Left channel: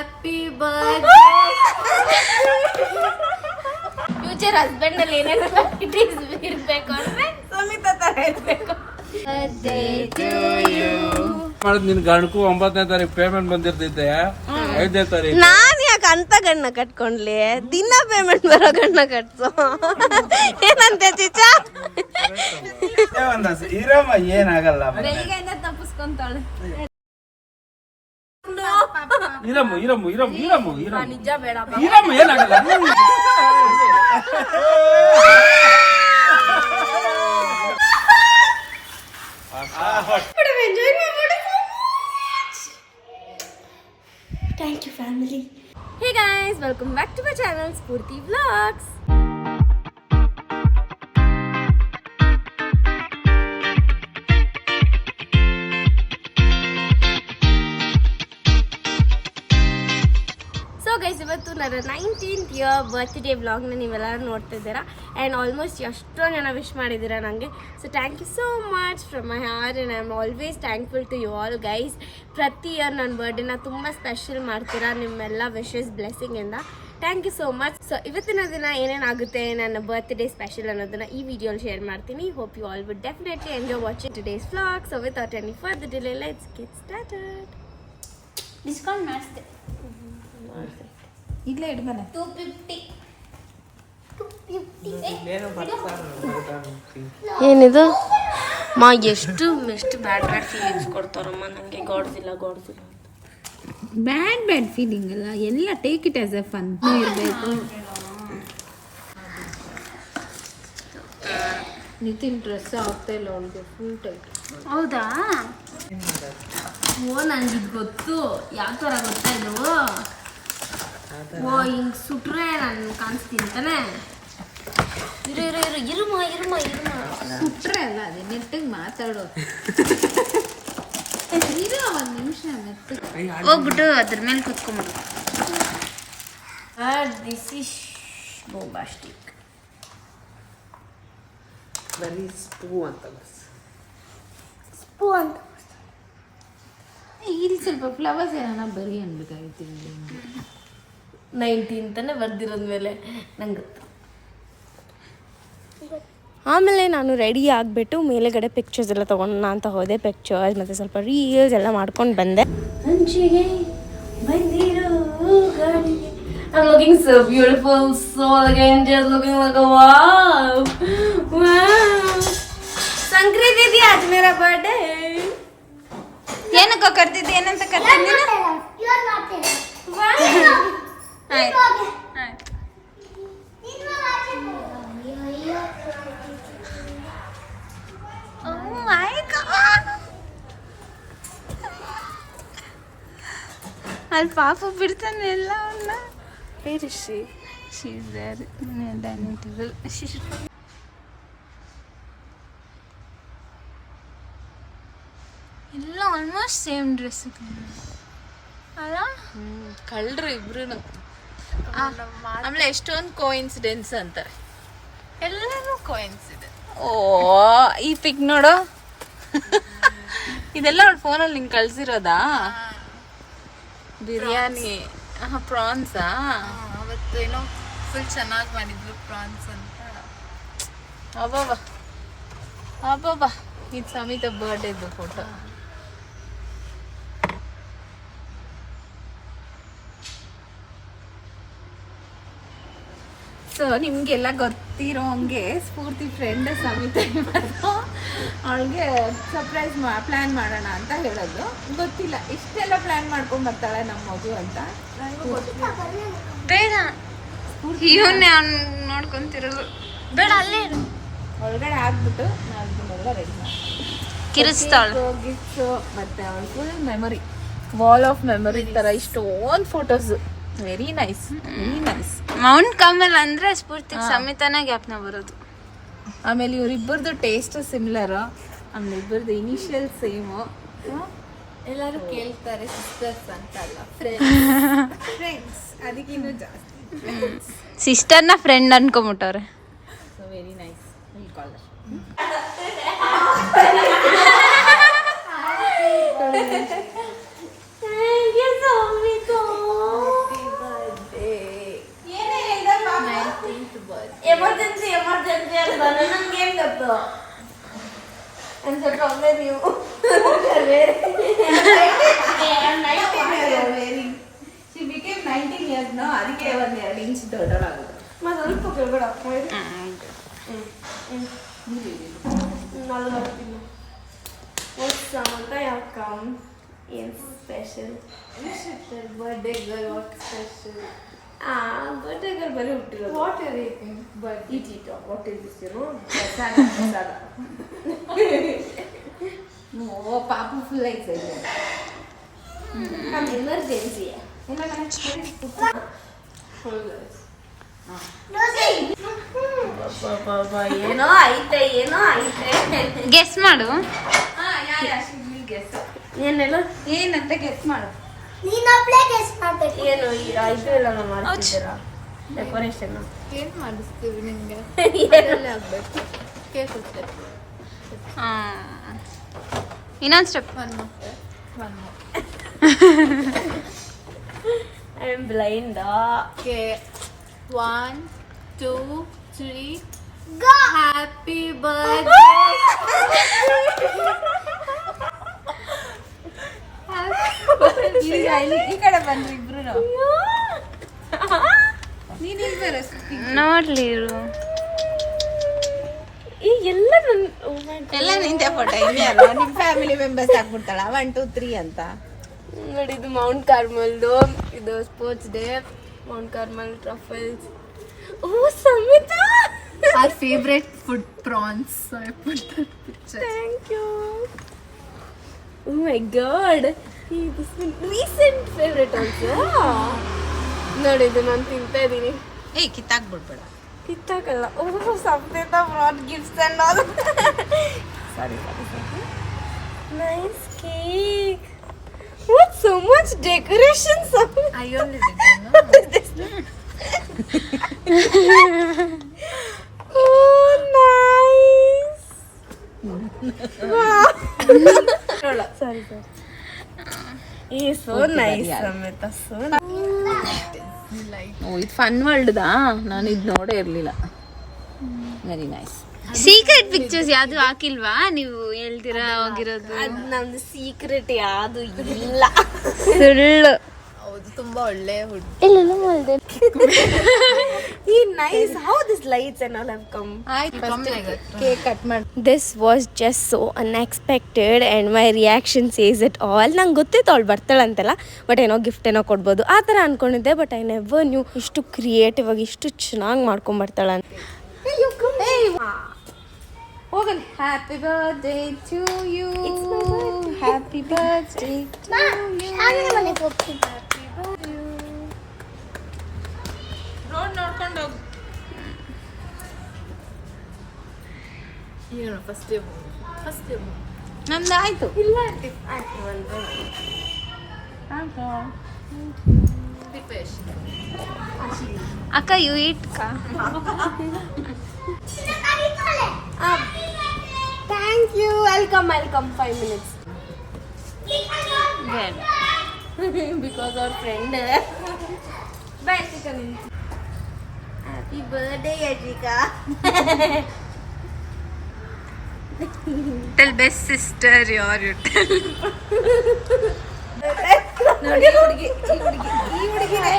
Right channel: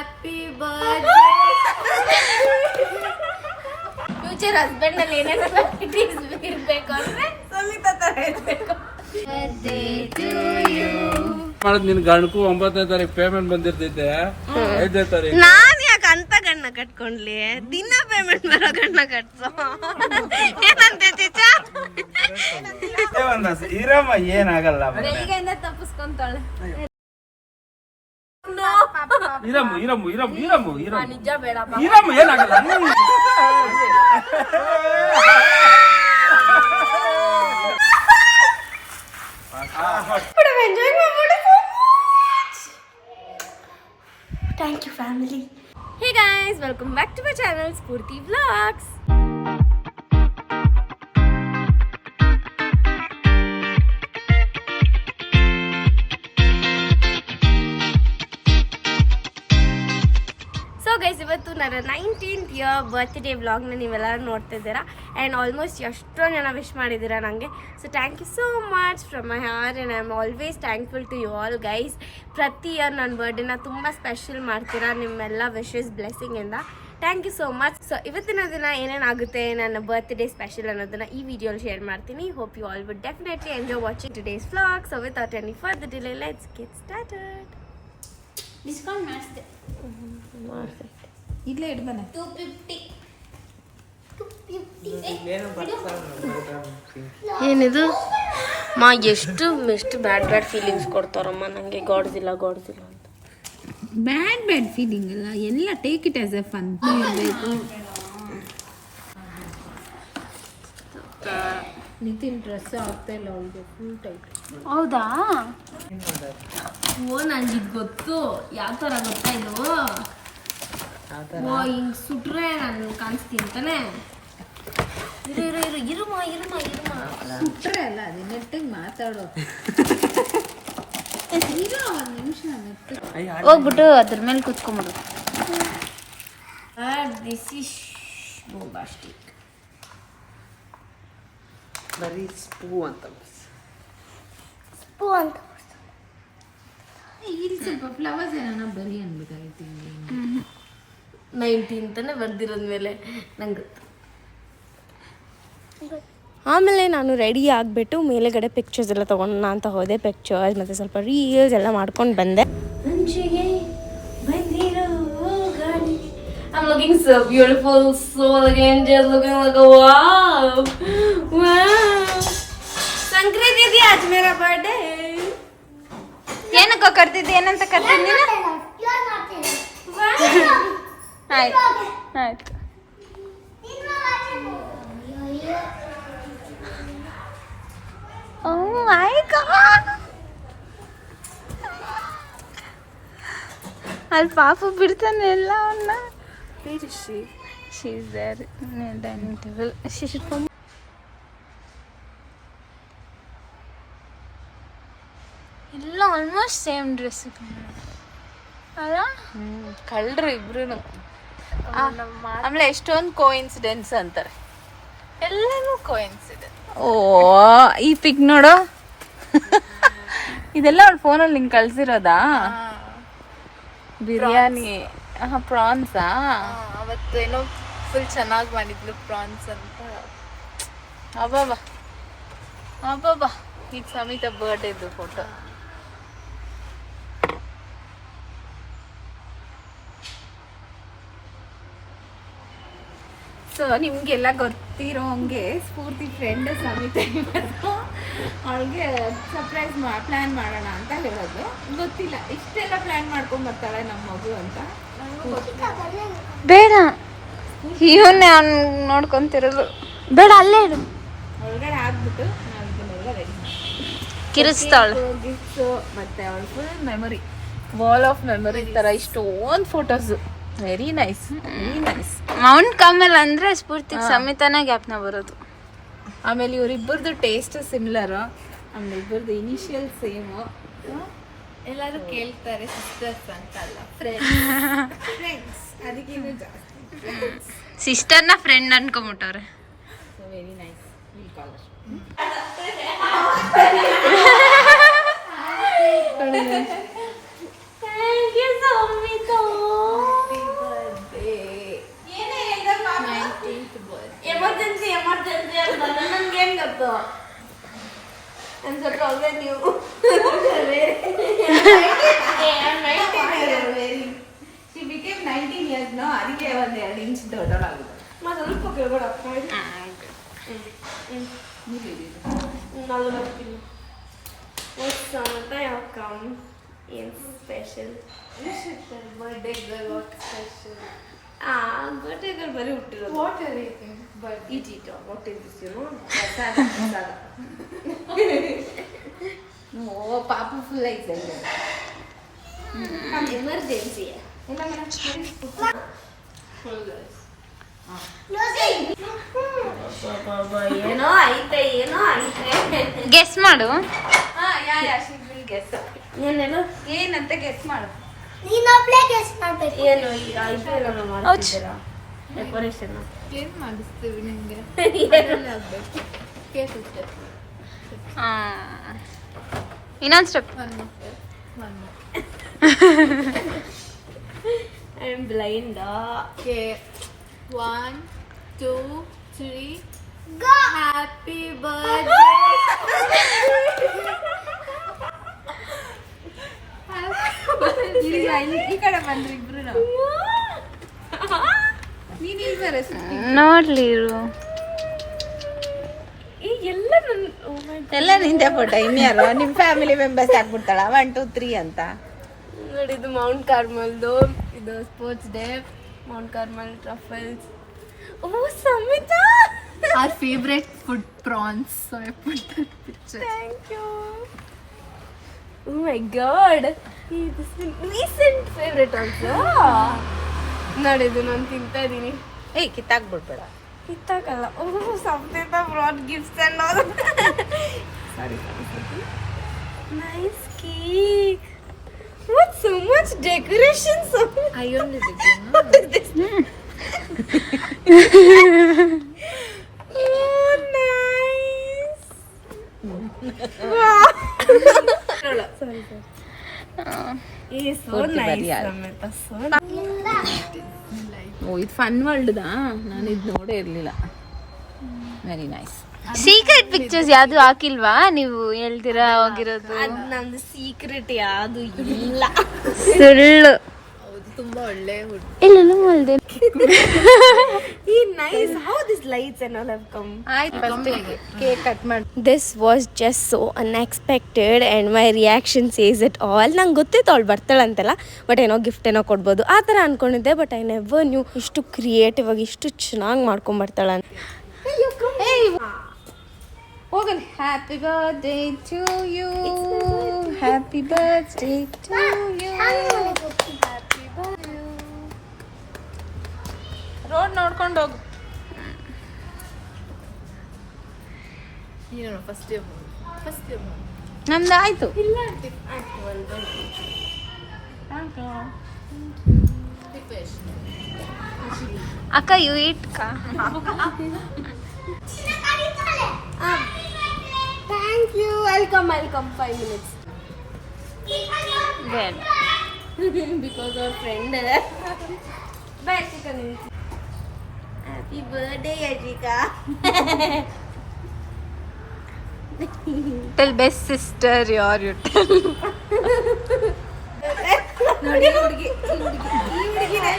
Happy birthday. Future husband ಅಲ್ಲಿ ಏನೇನೋ ಇರ್ಬೇಕು ಅಂದ್ರೆ ಸುಮಿತಾ ತರ ಇರ್ಬೇಕು. ನಿನ್ ಗಂಡಕ್ಕೂ 9ನೇ ತಾರೀಕು ಪೇಮೆಂಟ್ ಬಂದಿರ್ತೈತೆ, 5ನೇ ತಾರೀಕು. ನಾನ್ ಯಾಕೆ ಅಂತ ಗಣ್ಣ ಕಟ್ಕೊಂಡ್ಲಿ? ದಿನ ಪೇಮೆಂಟ್ ಬರೋ ಗಣ್ಣ ಕಟ್ಸು. ಏನಂತೆ ಚಿಚ್ಚ? ಇರಮ್ಮ ಏನಾಗಲ್ಲ. ಬೆಳಿಗ್ಗೆಯಿಂದ ತಪ್ಪಿಸ್ಕೊಂತಾಳೆ. ಇರಮ್ಮ ಇರಮ್ಮ ಇರಮ್ಮ ಇರಮ್ಮ ಇರಮ್ಮ ನಿಜ ಬೇಡ ಇರಮ್ಮ ಏನಾಗಲ್ಲ. Thank you family. Hey guys, welcome back to my channel Spurti Vlogs. So guys, ಇವತ್ತು ನನ್ನ 19th ಇಯರ್ ಬರ್ತ್ಡೇ ವ್ಲಾಗ್ನ ನೀವೆಲ್ಲ ನೋಡ್ತಾ ಇದ್ದೀರಾ. ಆ್ಯಂಡ್ ಆಲ್ಮೋಸ್ಟ್ ಎಷ್ಟೊಂದು ಜನ ವಿಶ್ ಮಾಡಿದ್ದೀರಾ ನನಗೆ. So thank you so much from my heart and I am always thankful to you all guys. ಪ್ರತಿ ಇಯರ್ ನನ್ನ ಬರ್ಡೇನ ತುಂಬ ಸ್ಪೆಷಲ್ ಮಾಡ್ತೀರಾ ನಿಮ್ಮೆಲ್ಲ ವಿಶಸ್ ಬ್ಲೆಸ್ಸಿಂಗಿಂದ. Thank you so much. So ಇವತ್ತಿನ ದಿನ ಏನೇನಾಗುತ್ತೆ ನನ್ನ ಬರ್ತ್ಡೇ ಸ್ಪೆಷಲ್ ಅನ್ನೋದನ್ನ ಈ ವಿಡಿಯೋಲಿ ಶೇರ್ ಮಾಡ್ತೀನಿ. Hope you all would definitely enjoy watching today's vlog. So without any further delay let's get started. Discount ಮಾಡಿಸ್ದೆ. ಇಲ್ಲೇ ಇಡ್ಬನೆ 250. ಏನಿದು ಮಾ? ಎಷ್ಟು ಬ್ಯಾಡ್ ಫೀಲಿಂಗ್ಸ್ ಕೊಡ್ತಾರಮ್ಮ ನನಗೆ. ಗಾಡ್ಸಿಲ್ಲ ಅಂತ. ಬ್ಯಾಡ್ ಫೀಲಿಂಗ್ ಅಲ್ಲ, ಎಲ್ಲ take it as A fun ಇರಬೇಕು. ನಿತಿನ್ ಡ್ರೆಸ್ ಆಗ್ತಾ ಇಲ್ಲ ಅವಳಿಗೆ, ಫುಲ್ ಟೈಟ್. ಹೌದಾ? ಓ ನಂಗೆ ಇದು ಗೊತ್ತು. ಯಾವ ಥರ ಗೊತ್ತಾ ಇದು? ಓ ಹಿಂಗೆ ಸುಟ್ರೆ ನಾನು ಕಾಣಿಸ್ತೀನಿ ತಾನೆ. ಇರುಮ ಸುಟ್ರೆ ಅಲ್ಲ, ಅದೇ ನೆಟ್ಟಿಗೆ ಮಾತಾಡೋ. ಒಂದು ನಿಮಿಷ ಮತ್ತೆ ಹೋಗ್ಬಿಟ್ಟು ಅದ್ರ ಮೇಲೆ ಕುತ್ಕೊಂಡ್ಬಿಡು. This is ಬೋಂಬಾಸ್ಟಿಕ್. ಸ್ಪೂ ಅಂತ ಇಲ್ಲಿ ಸ್ವಲ್ಪ ಫ್ಲವರ್ಸ್ ಏನೋ ಬರೀ ಅನ್ಬೇಕಾಗಿತ್ತು. 19 ಬರ್ದಿರೋದ ಮೇಲೆ ನಂಗೆ ಗೊತ್ತು. ಆಮೇಲೆ ನಾನು ರೆಡಿ ಆಗಿಬಿಟ್ಟು ಮೇಲೆಗಡೆ ಪಿಕ್ಚರ್ಸ್ ಎಲ್ಲ ತೊಗೊಳ್ಳೋಣ ಅಂತ ಹೋದೆ. ಪಿಕ್ಚರ್ಸ್ ಮತ್ತು ಸ್ವಲ್ಪ ರೀಲ್ಸ್ ಎಲ್ಲ ಮಾಡ್ಕೊಂಡು ಬಂದೆ. I'm looking so beautiful, so elegant, just looking like a wow. Sankranti ಇದೆಯಾ? आज मेरा बर्थडे. ಏನಕ್ಕ ಕರ್ತಿದ್ದೆ? ಏನಂತ ಕರ್ತಿದ್ದೆ? ಆಯ್ತು ಆಯ್ತು. ಓ ಮೈ ಗಾಡ್, ಅಲ್ಲಿ ಪಾಪು ಬಿಡ್ತಾನೆ ಎಲ್ಲ ಅವನ್ನ. Where is she? She is there in the dining table. She should come. ಎಲ್ಲ ಆಲ್ಮೋಸ್ಟ್ ಸೇಮ್ ಡ್ರೆಸ್ ಅಲ್ಲ? ಕಳ್ರು ಇಬ್ರು. ಆಮೇಲೆ ಎಷ್ಟೊಂದು ಕೋಇನ್ಸಿಡೆನ್ಸ್ ಅಂತಾರೆ, ಎಲ್ಲರೂ ಕೋಇನ್ಸಿಡೆನ್ಸ್. ಓ ಈ ಪಿಕ್ ನೋಡು, ಇದೆಲ್ಲ ಅವ್ರ ಫೋನಲ್ಲಿ ನಿಂಗೆ ಕಳ್ಸಿರೋದಾ? ಬಿರಿಯಾನಿ ಪ್ರಾನ್ಸಾ? ಅವತ್ತು ಏನೋ ಫುಲ್ ಚೆನ್ನಾಗಿ ಮಾಡಿದ್ಲು ಪ್ರಾನ್ಸ್ ಅಂತ. ಅಬ್ಬಾಬಾ ಅಬ್ಬಾಬಾ, ಇದು ಸಮೇತ ಬರ್ಡೇದು ಫೋಟೋ. ಸೊ ನಿಮಗೆಲ್ಲ ಗೊತ್ತಿರೋ ಹಂಗೆ ಸ್ಫೂರ್ತಿ ಫ್ರೆಂಡ್ ಸಮಿತಾ ಇವತ್ತು ಅವಳಿಗೆ ಸರ್ಪ್ರೈಸ್ ಪ್ಲ್ಯಾನ್ ಮಾಡೋಣ ಅಂತ ಹೇಳೋದು. ಗೊತ್ತಿಲ್ಲ ಇಷ್ಟೆಲ್ಲ ಪ್ಲ್ಯಾನ್ ಮಾಡ್ಕೊಂಡು ಬರ್ತಾಳೆ ನಮ್ಮ ಮಗು ಅಂತ. ಬೇಡ, ಇವನ್ನೇ ಅವ್ನು ನೋಡ್ಕೊಂತಿರೋದು ಬೇಡ. ಅಲ್ಲೇ ಒಳಗಡೆ ಹಾಕ್ಬಿಟ್ಟು ನಾವು ಇದನ್ನೆಲ್ಲ ರೆಡಿ ಮಾಡ್ತೀವಿ. ಕಿರಿಸ್ತಾಳೆ. ಗಿಫ್ಟ್ಸು ಮತ್ತು ಅವಳ full memory, wall of memory ಥರ ಇಷ್ಟೊಂದು photos. Very nice, very nice. Mount Kamal ಅಂದ್ರೆ ಸ್ಫೂರ್ತಿಗೆ ಸಮೇತನ ಜ್ಞಾಪನ ಬರೋದು. ಆಮೇಲೆ ಇವರಿಬ್ಬರದು ಟೇಸ್ಟ್ ಸಿಮಿಲರ್, ಆಮೇಲೆ ಇಬ್ಬರದು ಇನಿಷಿಯಲ್ ಸೇಮು. ಎಲ್ಲರೂ ಕೇಳ್ತಾರೆ ಸಿಸ್ಟರ್ಸ್ ಅಂತಲ್ಲ, ಫ್ರೆಂಡ್ಸ್ ಅದಕ್ಕಿನ್ನೂ ಜಾಸ್ತಿ ಸಿಸ್ಟರ್ನ ಫ್ರೆಂಡ್ ಅನ್ಕೊಂಬಿಟ್ಟವ್ರೆ. So very nice, will call her. Thank you, Samita. ನನ್ಗೇನ್ ಗೊತ್ತು I'm the problem you. She became 19 years now. ಅದಕ್ಕೆ ಒಂದು 2 ಇಂಚ್ ದೊಡ್ಡವಳಾಗುತ್ತೆ. ಸ್ವಲ್ಪ ಕೆಳಗಡೆ ನಾನು ಬರ್ತೀನಿ. ಅಂತ ಯಾವ ಕಮ್ ಏನು special birthday girl what special birthday girl ಬರೀ ಹುಟ್ಟಿರೋದು. What are you think but Eat it. What is this, you know? ಪ್ರಸಾದ ಓ ಪಾಪ ಫುಲ್ ಐತೆ ಎಮರ್ಜೆನ್ಸಿ ಇಲ್ಲ ಏನೋ ಐತೆ ಗೆಸ್ ಮಾಡು. ಏನೆಲ್ಲ ಏನಂತ ಗೆಸ್ ಮಾಡು. ಏನು ಇದು ಎಲ್ಲ ಮಾಡ್ತಿದ್ದೀರಾ ಡೆಕೋರೇಷನ್ ಏನ್ ಮಾಡಿಸ್ತೀವಿ ನಿಂಗೆ ಆಗ್ಬೇಕು ಕೇಕ್ ಇನ್ನೊಂದು step. I am blind. Okay, 1, 2, 3. Happy birthday. ಈ ಕಡೆ ಬಂದ್ರಿ ಇಬ್ರು ನಾವು. ನೀನ್ ಇಲ್ಲಿ ಬೇರೆ ನೋಡ್ಲಿ ಇರು. ಈ ಎಲ್ಲ ಎಲ್ಲ ನಿಂದೆ ಫೋಟೋ ಇನ್ಯಾರು ನಿಮ್ ಫ್ಯಾಮಿಲಿ ಮೆಂಬರ್ಸ್ ಹಾಕ್ಬಿಡ್ತಾಳ 1, 2, 3 ಅಂತ. ನೋಡಿ ಇದು ಮೌಂಟ್ ಕಾರ್ಮಲ್ದು ಇದು sports day Mount Carmel Truffles. Oh Samita Our favorite food prawns. So I put that picture. Thank you. Oh my god this recent favourite also. ನೋಡಿ ಇದು ನಾನು ತಿಂತಾ ಇದ್ದೀನಿ. ಏ ಕಿತ್ತಾಕ್ಬಿಡ್ಬೇಡ. ಕಿತ್ತಾಕಲ್ಲ. Oh Samita brought gifts and all. Sorry nice cake. What so much decoration? I only did this. Oh, nice. Sorry. So nice, Samita. So nice. ಓ ಇದು fun ವರ್ಲ್ಡ್ದಾ? ನಾನು ಇದು ನೋಡೇ ಇರಲಿಲ್ಲ. Very nice. ಸೀಕ್ರೆಟ್ ಪಿಕ್ಚರ್ಸ್ ಯಾವ್ದು ಹಾಕಿಲ್ವಾ ನೀವು ಹೇಳ್ತೀರಾ ಹೋಗಿರೋದು? ನಮ್ದು ಸೀಕ್ರೆಟ್ ಯಾವುದು ಇಲ್ಲ. ಸುಳ್ಳು. ಹೌದು ತುಂಬಾ ಒಳ್ಳೆ ಹುಡುಗ. ಈ nice how this lights and all have come. Cake cut ಮಾಡಿ. This was just so unexpected and my reaction says it all. ನಂಗೆ ಗೊತ್ತಿತ್ತು ಅವಳು ಬರ್ತಾಳಂತೆಲ್ಲ, ಬಟ್ ಏನೋ ಗಿಫ್ಟ್ ಏನೋ ಕೊಡ್ಬೋದು ಆ ಥರ ಅಂದ್ಕೊಂಡಿದ್ದೆ. ಬಟ್ ಐ ನೆವರ್ ನ್ಯೂ ಇಷ್ಟು ಕ್ರಿಯೇಟಿವ್ ಆಗಿ ಇಷ್ಟು ಚೆನ್ನಾಗಿ ಮಾಡ್ಕೊಂಬರ್ತಾಳೆ. ಹೋಗಲಿ. Happy birthday to you. It's my birthday. Happy birthday to you. Road ನೋಡ್ಕೊಂಡು ಹೋಗು. ಏನು ಫಸ್ಟ್ ಡೇ ನಂದು ಆಯ್ತು. ಇಲ್ಲ ದೀಪೇಶ್ ಅಕ್ಕ ಯು ಈಟ್ ಕಾ. Thank you. Welcome 5 minutes. ಬೇಡ. Because our friend. Bye, chicken. Happy birthday, Ajika. Tell best sister you tell. ನೋಡಿ ಈ ಹುಡುಗಿನೇ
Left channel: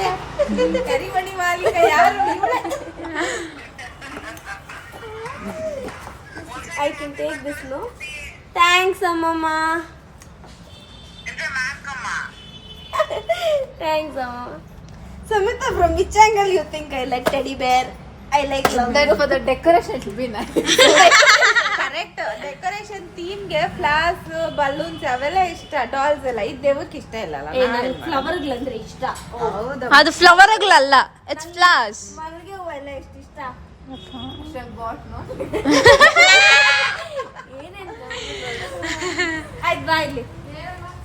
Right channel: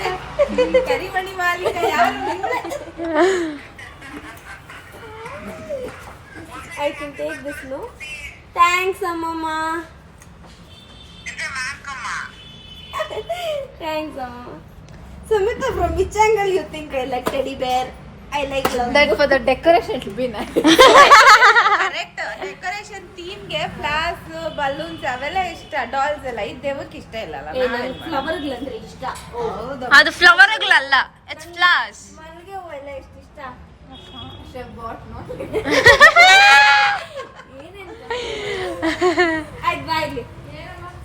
ಕರಿಮಣಿ ಮಾಲೀಕ ಯಾರು ಇವಳೆ? I can take this, no? Thanks, Amma. Thanks, Amma. Samita, from which angle you think I like teddy bear? I like love. That for the decoration it will be nice. Correct. Decoration theme ಗೆ flaws balloons ಅವೆಲ್ಲ ಇಷ್ಟ. Dolls ಎಲ್ಲ ಇದು ದೇವಕ್ಕೆ ಇಷ್ಟ ಇಲ್ಲ ಅಲ್ಲ. ನನಗೆ ಫ್ಲವರ್ಗಳಂದ್ರೆ ಇಷ್ಟ. ಹೌದು. ಅದು ಫ್ಲವರ್ಗಳಲ್ಲ, ಇಟ್ಸ್ ಫ್ಲವರ್ಸ್. ಮಲ್ಲಿಗೆ ಹೂವು ಎಲ್ಲ ಎಷ್ಟು ಇಷ್ಟ. But no. ಆಯ್ತು ಬಾ ಇಲ್ಲಿ.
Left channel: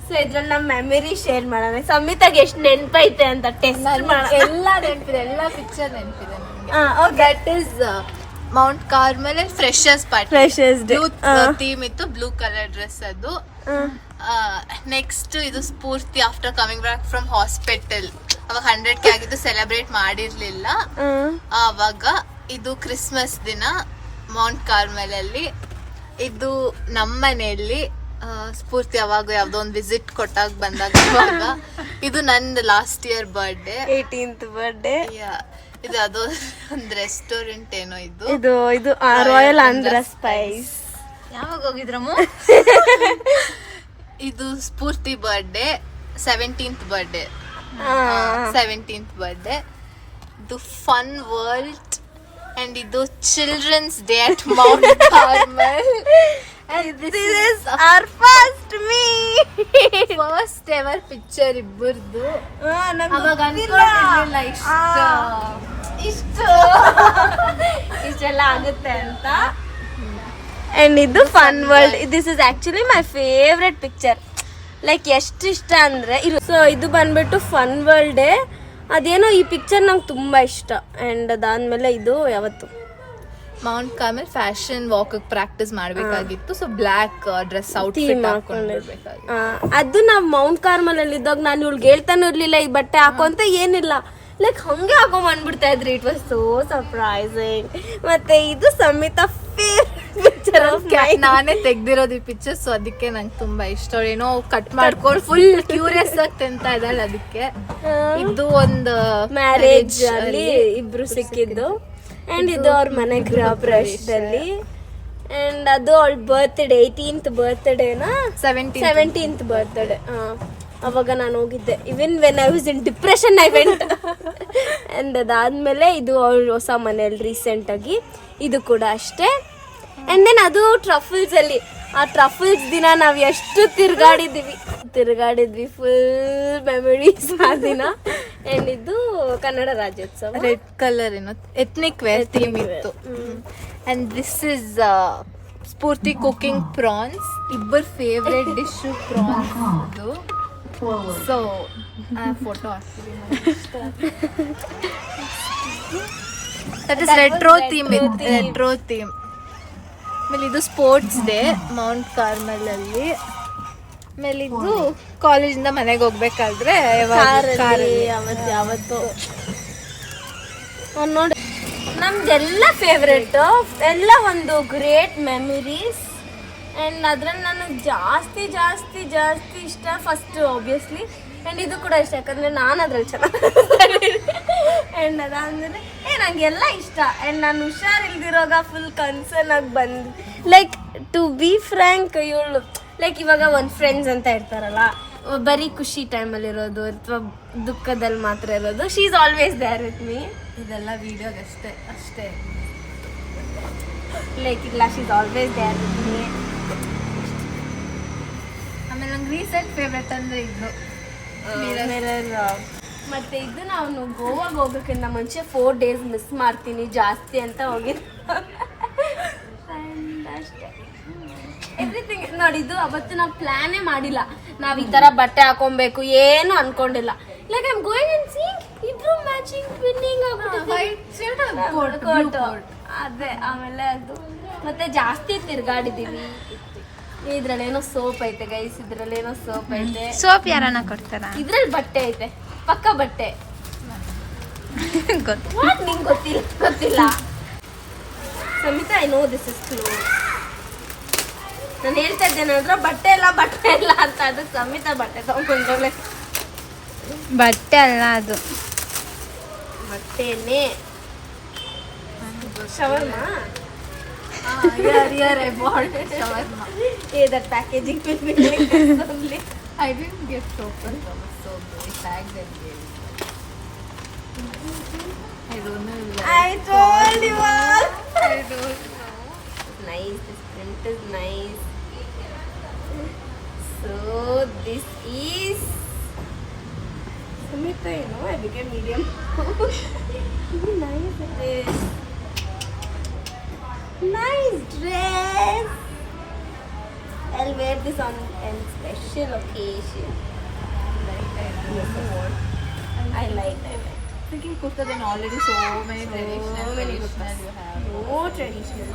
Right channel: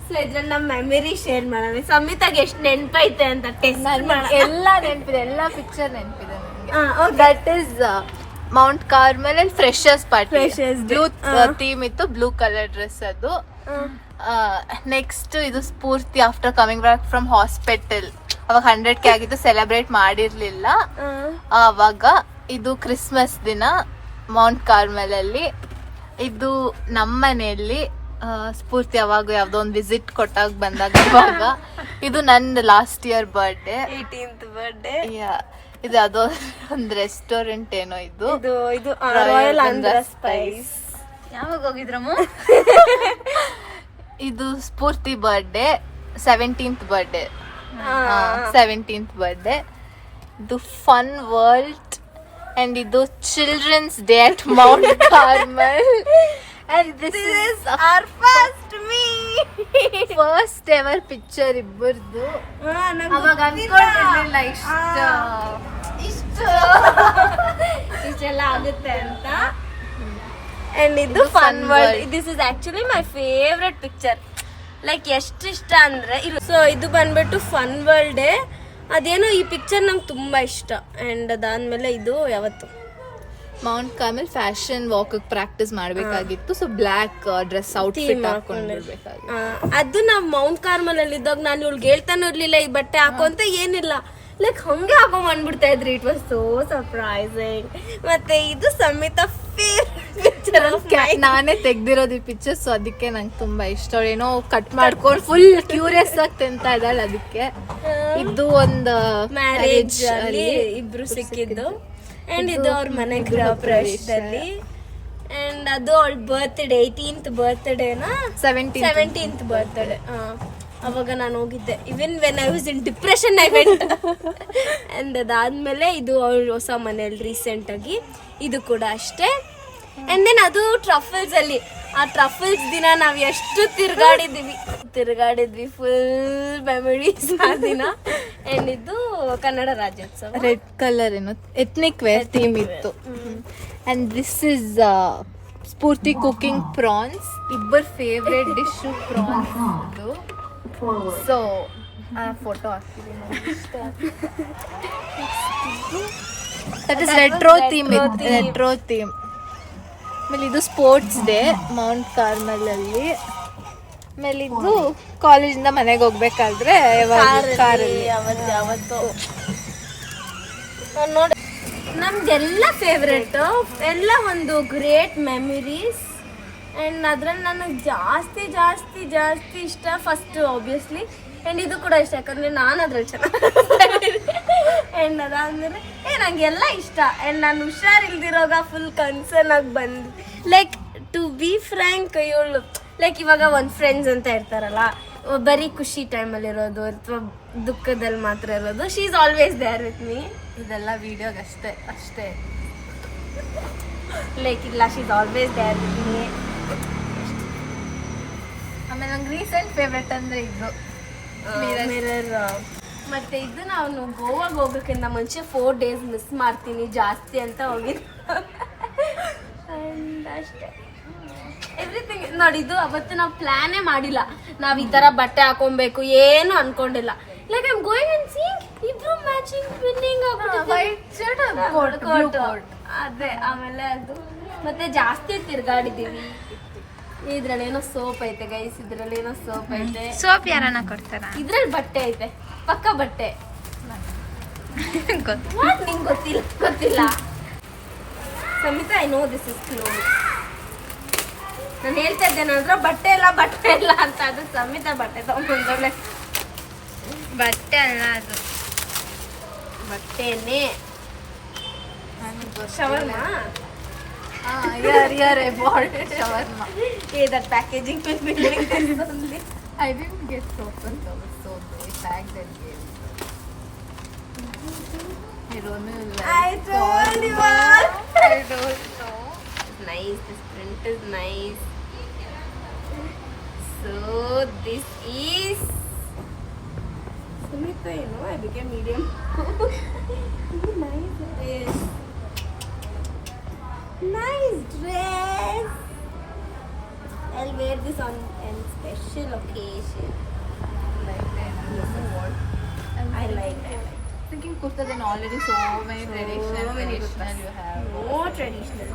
ಸೊ ಇದ್ರಲ್ಲಿ ನಮ್ಮ ಮೆಮರಿ ಶೇರ್ ಮಾಡೋಣ. ಸಮಿತಾಗೆ ಎಷ್ಟು ನೆನಪೈತೆ ಅಂತ ಟೆಸ್ಟ್ ಮಾಡೋಣ. ಎಲ್ಲ ನೆನಪಿದೆ, ಎಲ್ಲ ಪಿಕ್ಚರ್ ನೆನಪಿದೆ ನಿಮಗೆ. ದಟ್ ಇಸ್ ಮೌಂಟ್ ಕಾರ್ಮೆಲ್ ಅಲ್ಲಿ freshers party. Freshers day theme ಇತ್ತು, ಬ್ಲೂ ಕಲರ್ ಡ್ರೆಸ್ ಅದು. ನೆಕ್ಸ್ಟ್ ಇದು Spoorthi after coming back from hospital. ಅವಾಗ 100K ಆಗಿದ್ದು, ಸೆಲೆಬ್ರೇಟ್ ಮಾಡಿರ್ಲಿಲ್ಲ. ಅವಾಗ ಇದು ಕ್ರಿಸ್ಮಸ್ ದಿನ ಮೌಂಟ್ ಕಾರ್ಮೆಲ್ ಅಲ್ಲಿ. ಇದು ನಮ್ಮ ಮನೆಯಲ್ಲಿ ಸ್ಫೂರ್ತಿ ಯಾವಾಗ ಯಾವ್ದೋ ಒಂದು ವಿಸಿಟ್ ಕೊಟ್ಟಾಗ ಬಂದಾಗ ಇವಾಗ. ಇದು ನನ್ನ last year birthday, 18th birthday. ಇದು ಯಾವ್ದೋ ಒಂದು ರೆಸ್ಟೋರೆಂಟ್ ಏನೋ ಇದು ಇದು ರಾಯಲ್ ಆಂಧ್ರ ಸ್ಪೈಸ್. ಯಾವಾಗ ಹೋಗಿದ್ರಮ್ಮ? ಇದು Spoorthi birthday, 17th birthday. 17th birthday. ಇದು ಫನ್ ವರ್ಲ್ಡ್ and ಇದು children's day at Mount Carmel. And this is our first ever picture ಇಬ್ಬರದು. ಅವಾಗ ಅನ್ಕೊಂಡಿರ್ಲಿಲ್ಲ ಇಷ್ಟೆಲ್ಲ ಆಗುತ್ತೆ ಅಂತ. ಅಂಡ್ ಇದು fun world. This is actually my favourite picture. Like ಎಷ್ಟು ಇಷ್ಟ ಅಂದ್ರೆ ಸೊ ಇದು ಬಂದ್ಬಿಟ್ಟು ಫನ್ ವರ್ಲ್ಡ್. ಅದೇನೋ ಈ ಪಿಕ್ಚರ್ ನಂಗೆ ತುಂಬಾ ಇಷ್ಟ. ಅಂಡ್ ಅದಾದ್ಮೇಲೆ ಇದು ಯಾವತ್ತು Mount Carmel fashion walk practice ಮಾಡ್ಬೇಕಾಗಿತ್ತು. ಸೊ ಬ್ಲಾಕ್ ಡ್ರೆಸ್ ಔಟ್ಫಿಟ್ ಹಾಕೊಂಡಿರ್ಬೇಕಾಗಿತ್ತು. ಅದು ನಾವ್ ಮೌಂಟ್ ಕಾರ್ಮಲ್ ಅಲ್ಲಿ ಇದ್ದಾಗ ನಾನು ಇವ್ಳಿಗೆ ಹೇಳ್ತಾನು ಇರ್ಲಿಲ್ಲ ಈ ಬಟ್ಟೆ ಹಾಕೋ ಅಂತ. ಏನಿಲ್ಲ, ಲೈಕ್ ಹಂಗೆ ಹಾಕೋ ಬಂದ್ಬಿಡ್ತಾ ಇದ್ರಿ. It was so surprising. ಮತ್ತೆ ಇದು ಸಮಿತಾ ಪಿಕ್ಚರ್ ನಾನೇ ತೆಗ್ದಿರೋದು ಈ ಪಿಕ್ಚರ್. ಸೊ ಅದಕ್ಕೆ ನಂಗೆ ತುಂಬಾ ಇಷ್ಟ. ಏನೋ ಕಟ್ ಮಾಡ್ಕೊಂಡು ಫುಲ್ ಕ್ಯೂರಿಯಸ್ ಆಗಿ ತಿಂತಾ ಇದ್ದಾಳೆ. ಅದಕ್ಕೆ ಇದು ಒಂದು ಮ್ಯಾರೇಜ್ ಅಲ್ಲಿ ಇಬ್ರು ಸಿಕ್ಕಿದ್ದು. ಅಂಡ್ ಇದು ಅವ್ರ ಮನೆ ಗೃಹ ಪ್ರವೇಶದಲ್ಲಿ. ಅಂಡ್ ಅದು ಅವಳ ಬರ್ತ್ಡೇ, 18th ಬರ್ತ್ಡೇನಾ 17th ಬರ್ತ್ಡೇ. ಅವಾಗ ನಾನು ಹೋಗಿದ್ದೆ. Even when I was in depression I went. And ಅದಾದ್ಮೇಲೆ ಇದು ಅವ್ರ ಹೊಸ ಮನೆಯಲ್ಲಿ ರೀಸೆಂಟ್ ಆಗಿ. ಇದು ಕೂಡ ಅಷ್ಟೇ. ಅಂಡ್ ದೆನ್ ಅದು ಟ್ರಫಲ್ಸ್ ಅಲ್ಲಿ. ಆ ಟ್ರಫಲ್ಸ್ ದಿನ ನಾವ್ ಎಷ್ಟು ತಿರ್ಗಾಡಿದ್ವಿ ಫುಲ್ ಮೆಮೊರೀಸ್ ಆ ದಿನ. ಅಂಡ್ ಇದು ಕನ್ನಡ ರಾಜ್ಯೋತ್ಸವ. ರೆಡ್ ಕಲರ್ ಏನೋ ಎಥ್ನಿಕ್ ವೇರ್ ಥೀಮ್ ಇತ್ತು. And this is Spoorthi cooking prawns. ಇಬ್ಬರ ಫೇವ್ರೆಟ್ ಡಿಶ್ ಪ್ರಾನ್ಸ್. ಅದು ಸೊ ಫೋಟೋ ಹಾಕ್ತೀವಿ. That is retro theme. ಆಮೇಲೆ ಇದು ಸ್ಪೋರ್ಟ್ಸ್ ಡೇ ಮೌಂಟ್ ಕಾರ್ಮೆಲ್ ಅಲ್ಲಿ. ಆಮೇಲೆ ಇದು ಕಾಲೇಜಿಂದ ಮನೆಗೆ ಹೋಗ್ಬೇಕಾದ್ರೆ ಕಾರಲ್ಲಿ ನೋಡಿ ನಮ್ದೆಲ್ಲ ಫೇವ್ರೇಟ್ ಎಲ್ಲ ಒಂದು ಗ್ರೇಟ್ ಮೆಮರೀಸ್. ಆ್ಯಂಡ್ ಅದ್ರಲ್ಲಿ ನನಗೆ ಜಾಸ್ತಿ ಜಾಸ್ತಿ ಜಾಸ್ತಿ ಇಷ್ಟ ಫಸ್ಟ್ ಆಬ್ವಿಯಸ್ಲಿ. ಆ್ಯಂಡ್ ಇದು ಕೂಡ ಇಷ್ಟ ಯಾಕಂದರೆ ನಾನು ಅದ್ರಲ್ಲಿ ಚೆನ್ನಾಗಿ. ಆ್ಯಂಡ್ ಅದಾದಮೇಲೆ ನನಗೆಲ್ಲ ಇಷ್ಟ. ಆ್ಯಂಡ್ ನಾನು ಹುಷಾರಿಲ್ದಿರೋಗ ಫುಲ್ ಕನ್ಸರ್ನ್ ಆಗಿ ಬಂದು ಲೈಕ್ ಟು ಬಿ ಫ್ರ್ಯಾಂಕ್ ಇವಳು ಲೈಕ್ ಇವಾಗ ಒಂದು ಫ್ರೆಂಡ್ಸ್ ಅಂತ ಇರ್ತಾರಲ್ಲ, ಬರೀ ಖುಷಿ ಟೈಮಲ್ಲಿ ಇರೋದು ಅಥವಾ ದುಃಖದಲ್ಲಿ ಮಾತ್ರ ಇರೋದು. She is always there with me. ಇದೆಲ್ಲ ವಿಡಿಯೋಗೆ ಅಷ್ಟೇ. ಲೈಕ್ ಇಲ್ಲ, she is always there with me. ಆಮೇಲೆ ನಂಗೆ ರೀಸೆಂಟ್ ಫೇವ್ರೆಟ್ ಅಂದರೆ ಇದು ಮಿರರ್. ಮತ್ತೆ ಇದು ನಾನು ಗೋವಾಗೆ ಹೋಗೋಕ್ಕಿಂತ ಮುಂಚೆ 4 days ಮಿಸ್ ಮಾಡ್ತೀನಿ ಜಾಸ್ತಿ ಅಂತ ಹೋಗಿದ್ದು. ಅಷ್ಟೇ ಎವ್ರಿಥಿಂಗ್. ನೋಡಿ ಇದು ಅವತ್ತು ನಾವು ಪ್ಲಾನೇ ಮಾಡಿಲ್ಲ. ನಾವು ಈ ಥರ ಬಟ್ಟೆ ಹಾಕೊಬೇಕು ಏನು ಅನ್ಕೊಂಡಿಲ್ಲ. Like I am going and seeing ಇಬ್ರು ಮ್ಯಾಚಿಂಗ್ ವಿನ್ನಿಂಗ್ ಅದೇ. ಆಮೇಲೆ ಅದು ಮತ್ತೆ ಜಾಸ್ತಿ ತಿರ್ಗಾಡಿದೀವಿ. ಇದ್ರಲ್ಲೇನೋ ಸೋಪ್ ಐತೆ ಗೈಸ್. ಇದ್ರಲ್ಲೇನೋ ಸೋಪ್ ಐತೆ. ಸೋಪ್ ಯಾರನ್ನ ಕೊಡ್ತಾರ? ಇದ್ರಲ್ಲಿ ಬಟ್ಟೆ ಐತೆ, ಪಕ್ಕ ಬಟ್ಟೆ. ನಿಂಗೆ ಗೊತ್ತಿಲ್ಲ Samita. I know this is clothes. ನಾನು ಹೇಳ್ತಾ ಇದ್ದೇನಂದ್ರೆ ಬಟ್ಟೆ ಇಲ್ಲ ಅಂತ. ಅದು ಸಮಿತಾ ಬಟ್ಟೆ ತಗೊಂಡ್ರೆ ಬಟ್ಟೆ ಅಲ್ಲ, ಅದು ಬಟ್ಟೆನೇ. Shawarma. shawarma. That packaging will be like this only. I didn't get soap and towels, so they tagged and gave it. I don't know. I told you all. I don't know. It's nice. This print is nice. So this is Samita. You know, I became medium. Nice dress. Nice dress. I'll wear this on a special occasion. Like that. You know what? I like that. Thinking kurta, then already so many traditional you have. No traditional.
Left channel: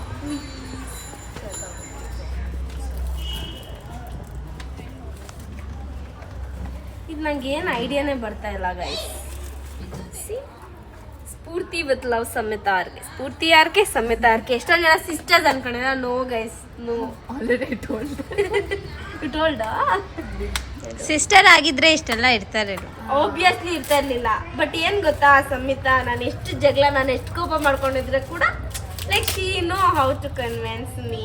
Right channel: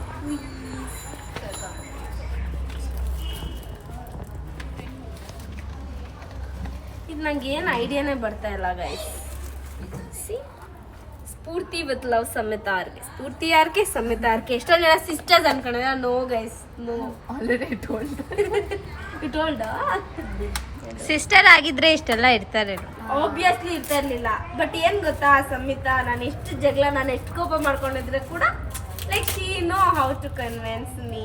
ಇದು ನಂಗೆ ಏನು ಐಡಿಯಾನೇ ಬರ್ತಾ ಇಲ್ಲ guys. See Spoorthi with love Samita RK, Spoorthi RK Samita RK. ಎಷ್ಟೊಂದು ಜನ sisters ಅನ್ಕೊಂಡಿದ್ರೆ no guys, no. Already told. You told? Sister ಆಗಿದ್ರೆ ಇಷ್ಟೆಲ್ಲ ಇರ್ತಾರೆ. ಆಬ್ವಿಯಸ್ಲಿ ಇರ್ತಾ ಇರ್ಲಿಲ್ಲ. ಬಟ್ ಏನ್ ಗೊತ್ತಾ ಸಮಿತಾ, ನಾನು ಎಷ್ಟು ಜಗಳ, ನಾನು ಎಷ್ಟು ಕೋಪ ಮಾಡ್ಕೊಂಡಿದ್ರೆ ಕೂಡ like she know how to convince me.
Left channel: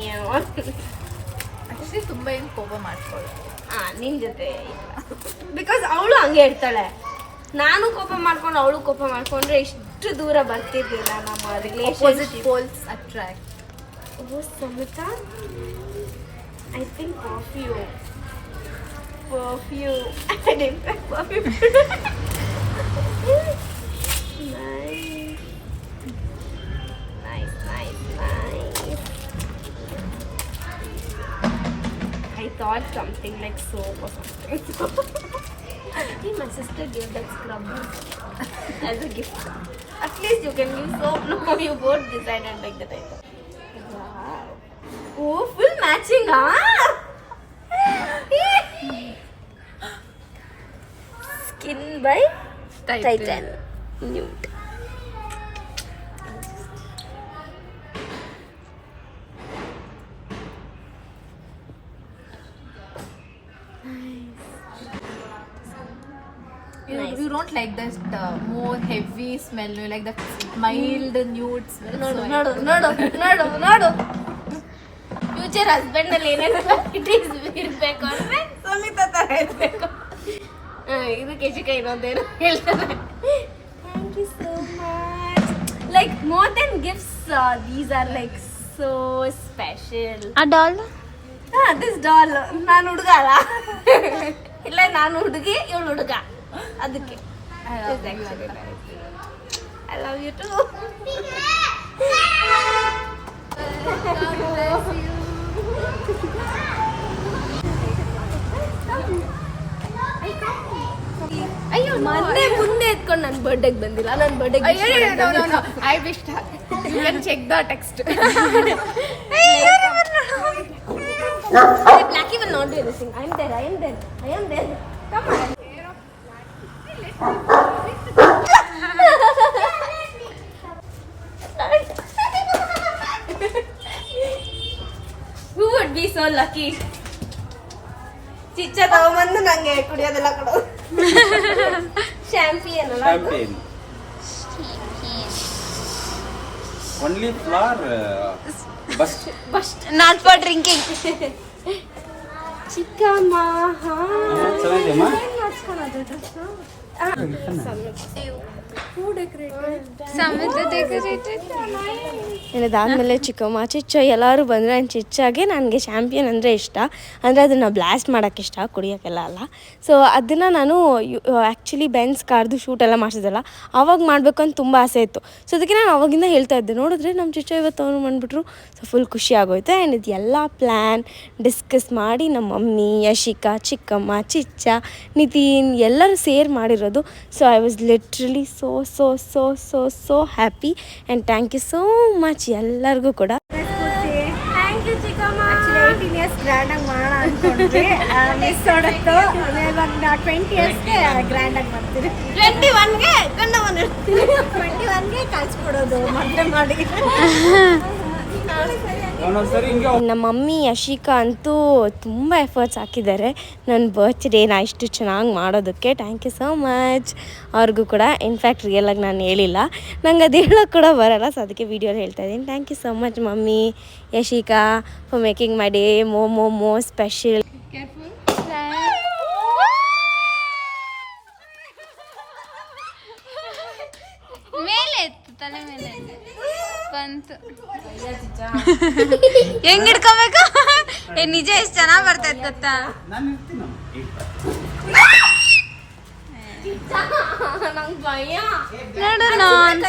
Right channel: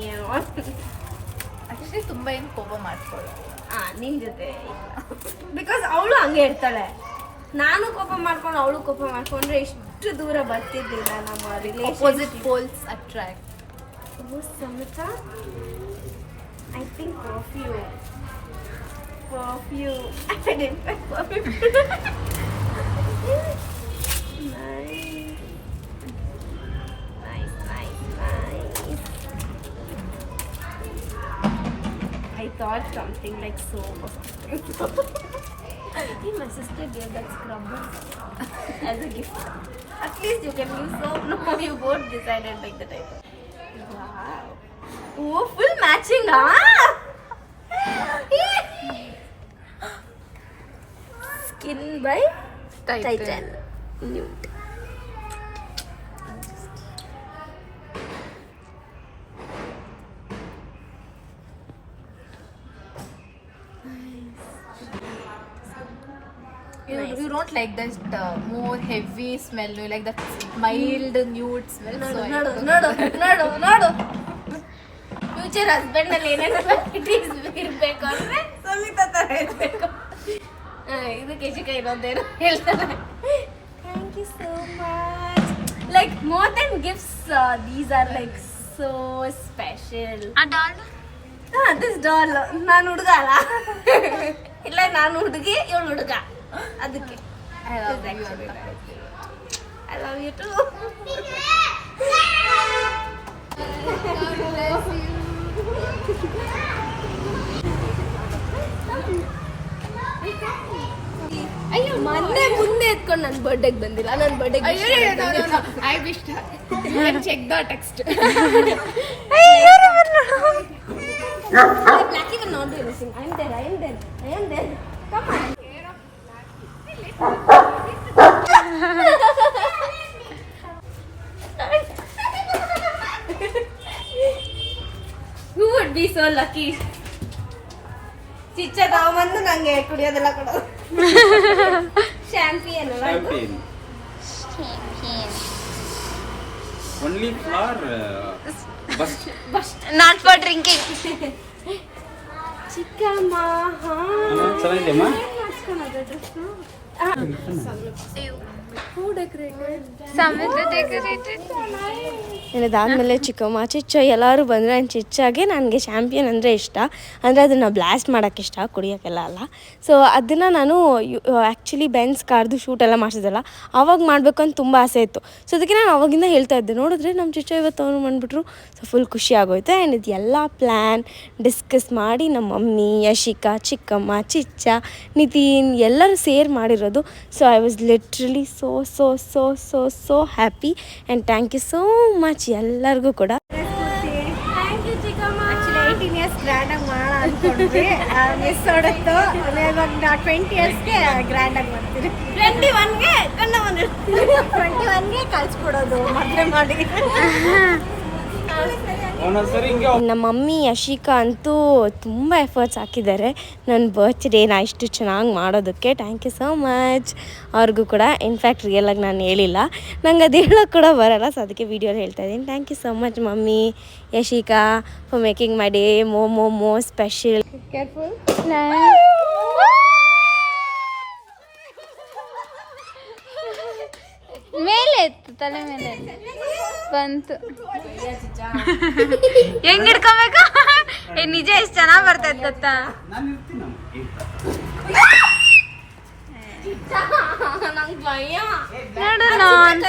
ಅಷ್ಟೇ, ತುಂಬಾ ಏನು ಕೋಪ ಮಾಡ್ಕೊಳ್ಳೋದು. ನಿನ್ ಜೊತೆ ಬಿಕಾಸ್ ಅವಳು ಹಂಗೆ ಇರ್ತಾಳೆ. ನಾನು ಕೋಪ ಮಾಡ್ಕೊಂಡು ಅವಳು ಕೋಪ ಮಾಡ್ಕೊಂಡ್ರೆ ಇಷ್ಟು ದೂರ ಬರ್ತಿರ್ಲಿಲ್ಲ ನಮ್ಮ ಅಪೋಸಿಟ್ ಪೋಲ್ಸ್ ಅಟ್ರಾಕ್ಟ್. ಓ Samita, I think perfume. I thought something like soap or something. Hey, my sister gave that scrubber as a gift. At least you can use soap. No, you both decided like that. I thought. Wow. Oh, full matching, huh? Skin by Titan. Nude. You don't like that more heavy smell. You like that mild nude smell. ನೋಡು future husband ಅಲ್ಲಿ ಏನೇನು qualities ಇರ್ಬೇಕು ಅಂದ್ರೆ ಸಮಿತಾ ತರ ಇರ್ಬೇಕು. ಇದು ಕೆಜಿಕ ಇನ್ನೊಂದೇನು ಹೇಳ್ತಾರೆ. Thank you so much. Like more than gifts, these are like so special. ಆ ಡಾಲ್ ದಿಸ್ ಡಾಲ್ ನಾನು ಹುಡುಗ ಅಲ್ಲ, ಇಲ್ಲ ನಾನು ಹುಡುಗಿ ಇವಳು ಹುಡುಗ, ಅದಕ್ಕೆ ಐ ಲವ್ ಯು ಟು. ಅಯ್ಯೋ ಮೊನ್ನೆ ಮುಂದೆ ಎತ್ಕೊಂಡು ನನ್ನ ಬರ್ಡೇಗೆ ಬಂದಿಲ್ಲ. ನನ್ನ ಬರ್ಡೇಗೆ I wish you can check the text. Blackie will not do anything. I am there. Come on. Who would be so lucky? ಚಿಚ್ಚ ತಗೊಂಬಂದು ನಂಗೆ ಕುಡಿಯೋದೆಲ್ಲ ಕೊಡೋದು. ಶ್ಯಾಂಪಿಯನ್ ಅಲ್ಲ ಅದು? Champagne. Only for bust. not for drinking. ಚಿಕ್ಕಮ್ಮ ಚೆನ್ನಾಗಿದೆಯಮ್ಮ? ಮಾಡ್ಸ್ಕೊಳೋದು ಡ್ರೆಸ್ಸು. ಸಮುದ್ರ ಡೆಕೋರೇಟೆಡ್. ಇದಾದ್ಮೇಲೆ ಚಿಕ್ಕಮ್ಮ ಚಿಚ್ಚ ಎಲ್ಲರೂ ಬಂದರೆ ನನ್ನ ಚಿಚ್ಚಾಗೆ ನನಗೆ ಶ್ಯಾಂಪಿಯನ್ ಅಂದರೆ ಇಷ್ಟ. ಅಂದರೆ ಅದನ್ನು ಬ್ಲಾಸ್ಟ್ ಮಾಡೋಕ್ಕೆ ಇಷ್ಟ, ಕುಡಿಯೋಕ್ಕೆಲ್ಲ ಅಲ್ಲ. ಸೊ ಅದನ್ನು ನಾನು ಆ್ಯಕ್ಚುಲಿ ಬೆನ್ಸ್ ಕಾರ್ದು ಶೂಟೆಲ್ಲ ಮಾಡಿಸಿದಲ್ಲ, ಆವಾಗ ಮಾಡಬೇಕು ಅಂತ ತುಂಬ ಆಸೆ ಇತ್ತು. ಸೊ ಅದಕ್ಕೆ ನಾನು ಅವಾಗಿಂದ ಹೇಳ್ತಾ ಇದ್ದೆ. ನೋಡಿದ್ರೆ ನಮ್ಮ ಚಿಚ್ಚ ಇವತ್ತು ಅವನು ಬಂದುಬಿಟ್ರು. ಸೊ ಫುಲ್ ಖುಷಿ ಆಗೋಯ್ತು. ಆ್ಯಂಡ್ ಇದು ಎಲ್ಲ ಪ್ಲ್ಯಾನ್ ಡಿಸ್ಕಸ್ ಮಾಡಿ ನಮ್ಮ ಮಮ್ಮಿ, ಯಶಿಕಾ, ಚಿಕ್ಕಮ್ಮ, ಚಿಚ್ಚ, ನಿತಿನ್ ಎಲ್ಲರೂ ಸೇರ್ ಮಾಡಿರೋದು. So I was literally so so so so so happy and thank you so much ಎಲ್ಲರಿಗೂ ಕೂಡ. ಥ್ಯಾಂಕ್ ಯು ಚಿಕ್ಕಮ್ಮ. 18 years ಗ್ರ್ಯಾಂಡ್ ಆಗಿ ಮಾಡೋಣ ಅನ್ಕೊಂಡ್ವಿ, ಮಿಸ್ ಹೊಡೆತು. ಇವಾಗ 20 yearsಗೆ ಗ್ರ್ಯಾಂಡ್ ಆಗಿ ಮಾಡ್ತೀರಿ. 21ಗೆ ಗಂಡ ಬಂದಿರ್ತೀವಿ. 21ಗೆ ಕಳ್ಸ್ಕೊಡೋದು ಮದುವೆ ಮಾಡಿ. ನಮ್ಮ ಮಮ್ಮಿ ಯಶಿಕಾ ಅಂತೂ ತುಂಬ ಎಫರ್ಟ್ಸ್ ಹಾಕಿದ್ದಾರೆ ನನ್ನ ಬರ್ತ್ಡೇನ ಇಷ್ಟು ಚೆನ್ನಾಗಿ ಮಾಡೋದಕ್ಕೆ. ಥ್ಯಾಂಕ್ ಯು ಸೋ ಮಚ್ ಅವ್ರಿಗೂ ಕೂಡ. ಇನ್ಫ್ಯಾಕ್ಟ್ ರಿಯಲಾಗಿ ನಾನು ಹೇಳಿಲ್ಲ, ನಂಗೆ ಅದು ಹೇಳೋಕ್ಕೆ ಕೂಡ ಬರೋಲ್ಲ. ಸೊ ಅದಕ್ಕೆ ವೀಡಿಯೋಲಿ ಹೇಳ್ತಾ ಇದ್ದೀನಿ. Thank you so much mummy, Yashika, for making my day more special. Careful. ಮೇಲೆ ಎತ್ತು, ತಲೆ ಮೇಲೆ ಬಂತು. ಹೆಂಗ್ ಹಿಡ್ಕೊಬೇಕು? ನಿಜ ಎಷ್ಟು ಚೆನ್ನಾಗಿ ಬರ್ತೈತೆ ಗೊತ್ತಾ? ನಂಗೆ ಭಯ. ನೋಡು ನಾನ್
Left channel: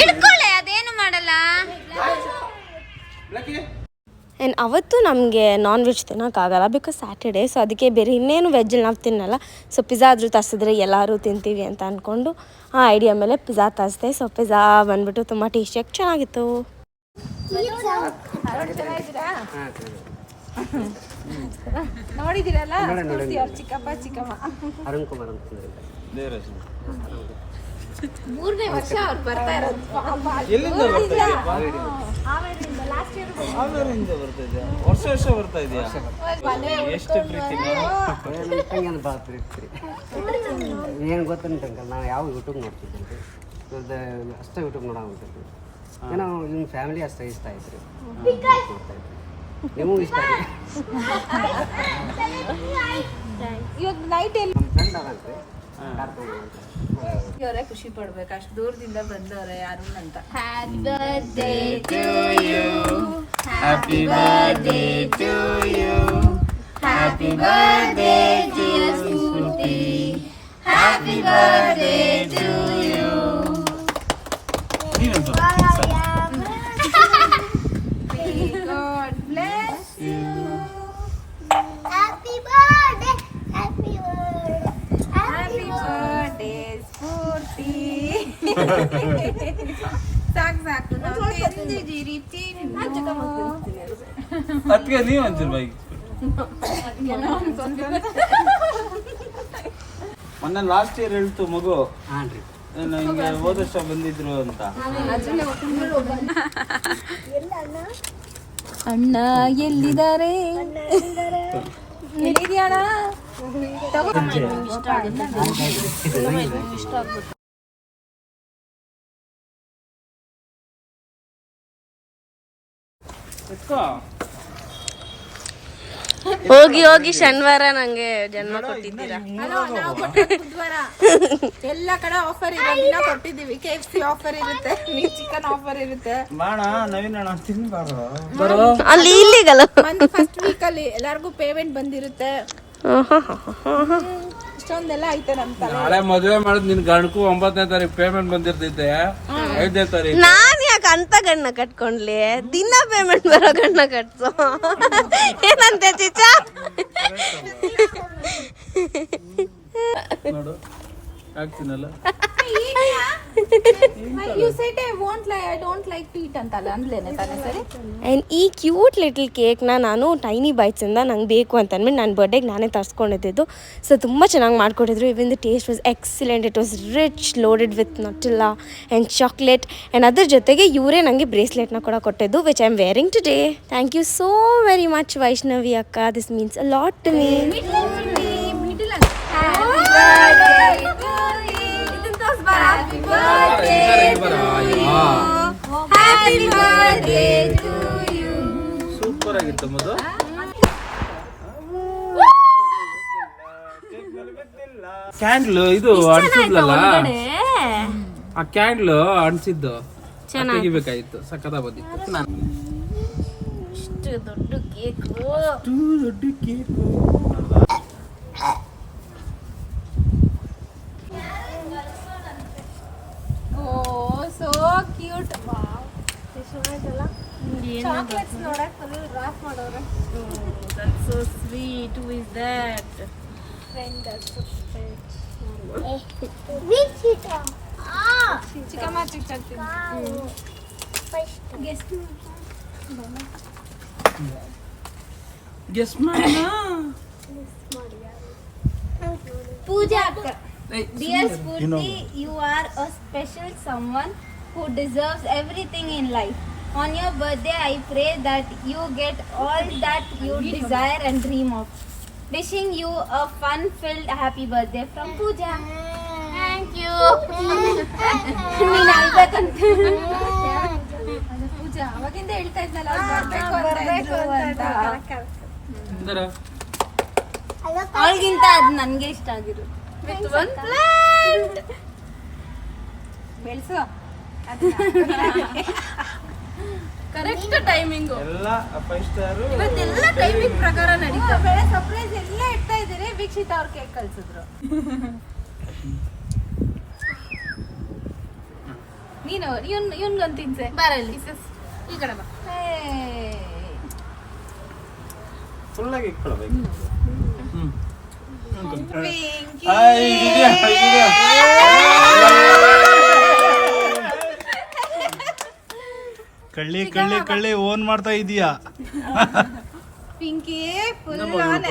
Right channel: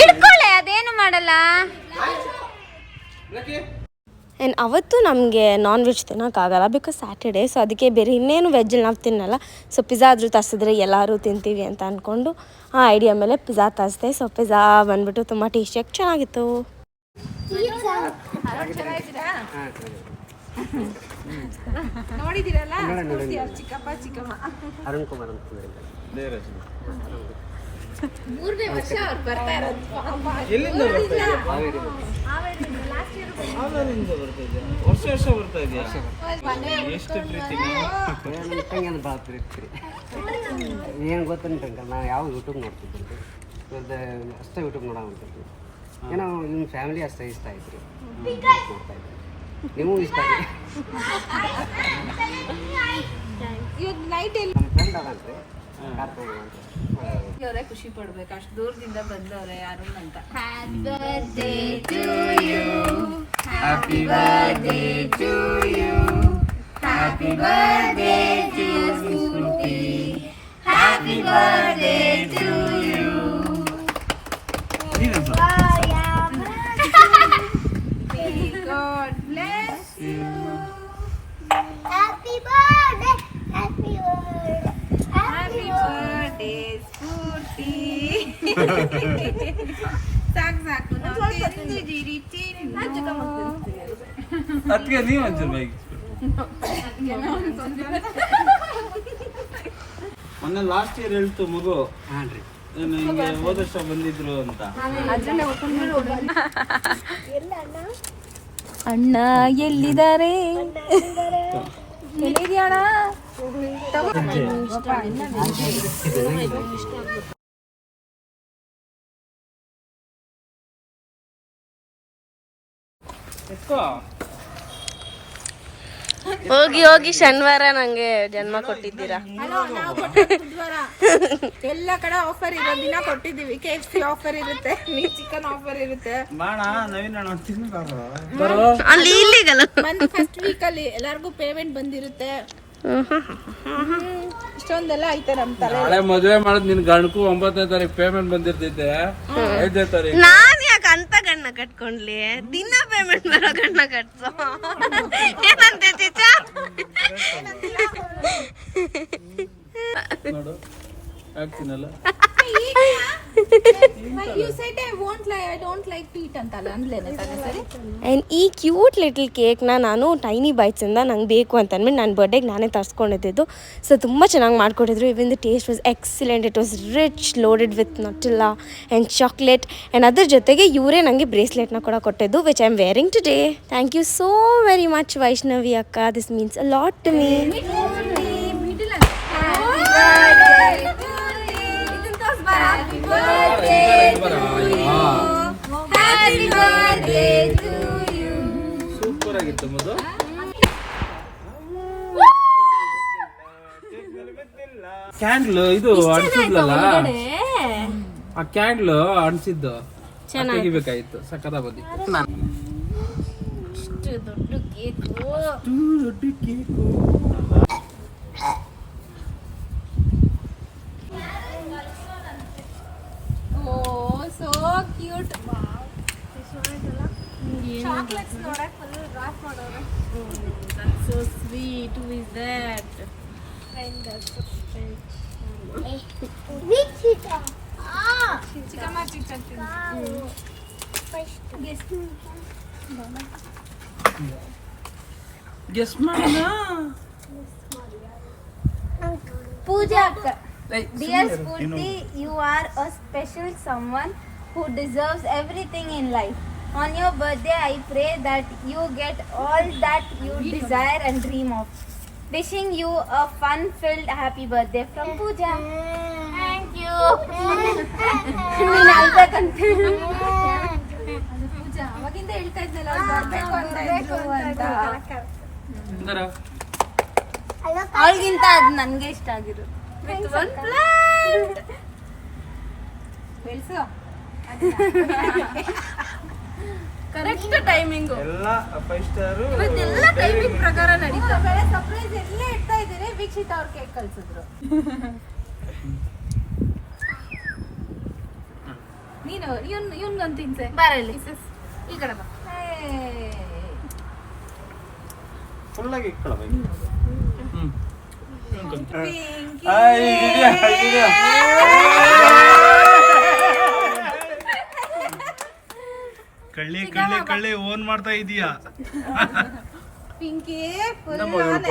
ಹಿಡ್ಕೊಳ್ಳೆ, ಅದೇನು ಮಾಡಲ್ಲ. ಆ್ಯಂಡ್ ಅವತ್ತು ನಮಗೆ ನಾನ್ ವೆಜ್ ತಿನ್ನೋಕ್ಕಾಗಲ್ಲ, ಬಿಕಾಸ್ ಸ್ಯಾಟರ್ಡೇ. ಸೊ ಅದಕ್ಕೆ ಬೇರೆ ಇನ್ನೇನು ವೆಜ್ಜಲ್ಲಿ ನಾವು ತಿನ್ನಲ್ಲ. ಸೊ ಪಿಜ್ಜಾ ಆದರೂ ತರಿಸಿದ್ರೆ ಎಲ್ಲರೂ ತಿಂತೀವಿ ಅಂತ ಅಂದ್ಕೊಂಡು ಆ ಐಡಿಯಾ ಮೇಲೆ ಪಿಜ್ಜಾ ತರಿಸ್ದೆ. ಸೊ ಪಿಜ್ಜಾ ಬಂದ್ಬಿಟ್ಟು ತುಂಬ ಟೇಸ್ಟಿಯಾಗಿ ಚೆನ್ನಾಗಿತ್ತು. ನೋಡಿದಿರಲ್ಲ ಅವ್ರ ಚಿಕ್ಕಪ್ಪ ಚಿಕ್ಕಮ್ಮ ಅರುಣ್ ಕುಮಾರ್ ಅಂತಂದ್ರೆ ಮೂರನೇ ವರ್ಷ ಅವ್ರು ಬರ್ತಾ ಇರೋದು. ಎಲ್ಲಿಂದ ಬರ್ತಾ ಇದೆ? ಹಾವೇರಿಯಿಂದ ಬರ್ತಾ ಇದೆ. ವರ್ಷ ಬರ್ತಾ ಇದೆಯಾ? ಎಷ್ಟು ಪ್ರೀತಿ ನಮ್ಮ ತಂಗಿ ಅಂತ ಭಾಳ ಪ್ರೀತಿ. ಏನು ಗೊತ್ತಂಟಂಕಲ್ ನಾವು ಯಾವ ಯೂಟ್ಯೂಬ್ ನೋಡ್ತಿದ್ದೆ ಅಷ್ಟೇ ಯೂಟ್ಯೂಬ್ ನೋಡೋ ಹೊಂಟಿದ್ವಿ. ಏನೋ ನಿಮ್ಮ ಫ್ಯಾಮಿಲಿ ಅಷ್ಟೇ ಇಷ್ಟ ಆಯ್ತು ರೀ, ನೋಡ್ತಾ ಇದ್ದೆ. ನೀವು ಇಷ್ಟ ಆಗಿ ಇವಾಗ ನೈಟ್ ಎಲ್ಲಿ ನಮ್ಮ ಫ್ರೆಂಡ್ ಅದಂತ್ರಿ ಕಾರ್ ತೊಗೊಂಡ್ರಿ ಅವರೇ ಖುಷಿ ಪಡ್ಬೇಕು, ಅಷ್ಟು ದೂರದಿಂದ ಬಂದವ್ರೆ ಅರುಣ್ ಅಂತ. Happy birthday to you. Happy birthday to you. Happy birthday dear Spurti. Happy birthday to you. God bless you. Happy birthday, happy birthday. Happy birthday ಸ್ಫೂರ್ತಿ. ಸಾಕು ನಾವು ತಿಂದಿದ್ದೀರಿ ಅದಕ್ಕೆ ನೀವು ಒಂಚೂರು ಬೈಕ್ ಮೊನ್ನೆ ಲಾಸ್ಟ್ ಇಯರ್ ಹೇಳ್ತು ಮಗು ಹಾಂ ರೀ. ಹಿಂಗೆ ಹೋದ ವರ್ಷ ಬಂದಿದ್ರು ಅಂತ. ಅಣ್ಣ ಎಲ್ಲಿದ್ದಾರೆ? ಎಲ್ಲಿದ್ಯಾಣ? ಎತ್ಕೋ ಹೋಗಿ ಹೋಗಿ ಶನಿವಾರ ನಂಗೆ ಜನ್ಮ ಕೊಟ್ಟಿದ್ದೀರಾ. ಹಲೋ, ನಾವು ಕೊಟ್ಟಿದ್ದು ಬುಧವಾರ. ಎಲ್ಲ ಕಡೆ ಆಫರ್ ಇರೋ ದಿನ ಕೊಟ್ಟಿದ್ದೀವಿ. KFC ಆಫರ್ ಇರುತ್ತೆ, ಮೀಟ್ ಚಿಕನ್ ಆಫರ್ ಇರುತ್ತೆ. ಮಾಣ ನವೀನ್ ಅಣ್ಣ ತಿನ್ಬಾರು ಅಲ್ಲಿ ಇಲ್ಲಿಗಲ್ಲ. ಫಸ್ಟ್ ವೀಕ್ ಅಲ್ಲಿ ಎಲ್ಲಾರ್ಗು ಪೇಮೆಂಟ್ ಬಂದಿರುತ್ತೆ. ಇಷ್ಟೊಂದೆಲ್ಲ ಐತೆ ನಮ್ ತಲೆ. ನಾಳೆ ಮದುವೆ ಮಾಡಿದ್ ನಿನ್ ಗಂಡಕ್ಕೂ 9ನೇ ತಾರೀಕು ಪೇಮೆಂಟ್ ಬಂದಿರ್ತೈತೆ, 5ನೇ ತಾರೀಕು. ನಾನ್ ಯಾಕೆ ಅಂತ ಗಣ್ಣ ಕಟ್ಕೊಂಡ್ಲಿ? ದಿನ ಪೇಮೆಂಟ್ ಬರೋ ಗಣ್ಣ ಕಟ್ಸೋ ಏನಂತೆ ಚಿಚಾ? ನೋಡು ಹಾಕ್ತೀನಲ್ಲ. You said I don't like feet ಅಂತಲ್ಲ ಅಂದ್ಲೇನೆ ತಾನೆ ಸರಿ? ಆ್ಯಂಡ್ ಈ ಕ್ಯೂಟ್ ಲಿಟಲ್ ಕೇಕ್ನ ನಾನು ಟೈನಿ ಬೈಟ್ಸಿಂದ ನಂಗೆ ಬೇಕು ಅಂತ ಅಂದ್ಬಿಟ್ಟು ನನ್ನ ಬರ್ಡೇಗೆ ನಾನೇ ತರಿಸ್ಕೊಂಡಿದ್ದು. ಸೊ ತುಂಬ ಚೆನ್ನಾಗಿ ಮಾಡಿಕೊಟ್ಟಿದ್ರು. Even the taste was excellent. It was rich, loaded with Nutella and chocolate. And ಅದ್ರ ಜೊತೆಗೆ ಇವರೇ ನನಗೆ ಬ್ರೇಸ್ಲೆಟ್ನ ಕೂಡ ಕೊಟ್ಟಿದ್ದು, which I am wearing today. Thank you so very much Vaishnavi ಅಕ್ಕ. This means a lot to me. Happy birthday to you. Super ಆಗಿತ್ತು ಮದು. ಕ್ಯಾಂಡ್ಲ್ ಇದು ಅನ್ಸಿದ್ಲಲ್ಲ, ಆ ಕ್ಯಾಂಡ್ಲ್ ಅನ್ಸಿದ್ದು ತೆಗಿಬೇಕಾಗಿತ್ತು. ಸಕ್ಕತ್ತ ಬಂದಿತ್ತು. ಅಷ್ಟು ದೊಡ್ಡ ಕೇಕು. ದೊಡ್ಡ cake. Oh, so cute. Wow. Chocolates ನೋಡಕ್ full wrap ಮಾಡೋರು. That's so sweet. Who is that? ಚಿಕ್ಕಮ್ಮ ಚಿಕ್ಕ ಗೆಸ್ ಮಾಡ. Pooja akka. Dear Spurti, you are a special someone who deserves everything in life. On your birthday, I pray that you get all that you desire and dream of. Wishing you a fun-filled happy birthday from Pooja. Thank you. ನೀನ್ ಅಳ್ಬೇಕಂತೆ. ಪೂಜಾ ಅವಾಗಿಂದ ಹೇಳ್ತಾ ಇದ್ನಲ್ಲ ಬರ್ಬೇಕು ಅಂತ. ಅವಳಿಗಿಂತ ಅದು ನನಗೆ ಇಷ್ಟ ಆಗಿರು. With one plant. ಬೆಳ್ಸು. Correct timing. ಎಲ್ಲ 5 ಸ್ಟಾರ್. ಇವತ್ತೆಲ್ಲ ಟೈಮಿಂಗ್ ಪ್ರಕಾರ ನಡೀತಾ. ಬೆಳೆ ಸರ್ಪ್ರೈಸ್ ಎಲ್ಲ ಇಡ್ತಾ ಇದ್ದಾರೆ. ವೀಕ್ಷಿತ ಅವ್ರ ಕೇಕ್ ಕಳ್ಸಿದ್ರು. ನೀನು ಇವನ್ಗೊಂದು ತಿನ್ಸೆ. ಬರಲಿ ಈ ಕಡೆ ಬಾ. ಫುಲ್ ಆಗಿ ಇಟ್ಕೊಳ್ಳಬೇಕು. ಕಳ್ಳಿ ಕಳ್ಳಿ ಕಳ್ಳಿ ಓನ್ ಮಾಡ್ತಾ ಇದೀಯಾ? ಪಿಂಕಿ ಫುಲ್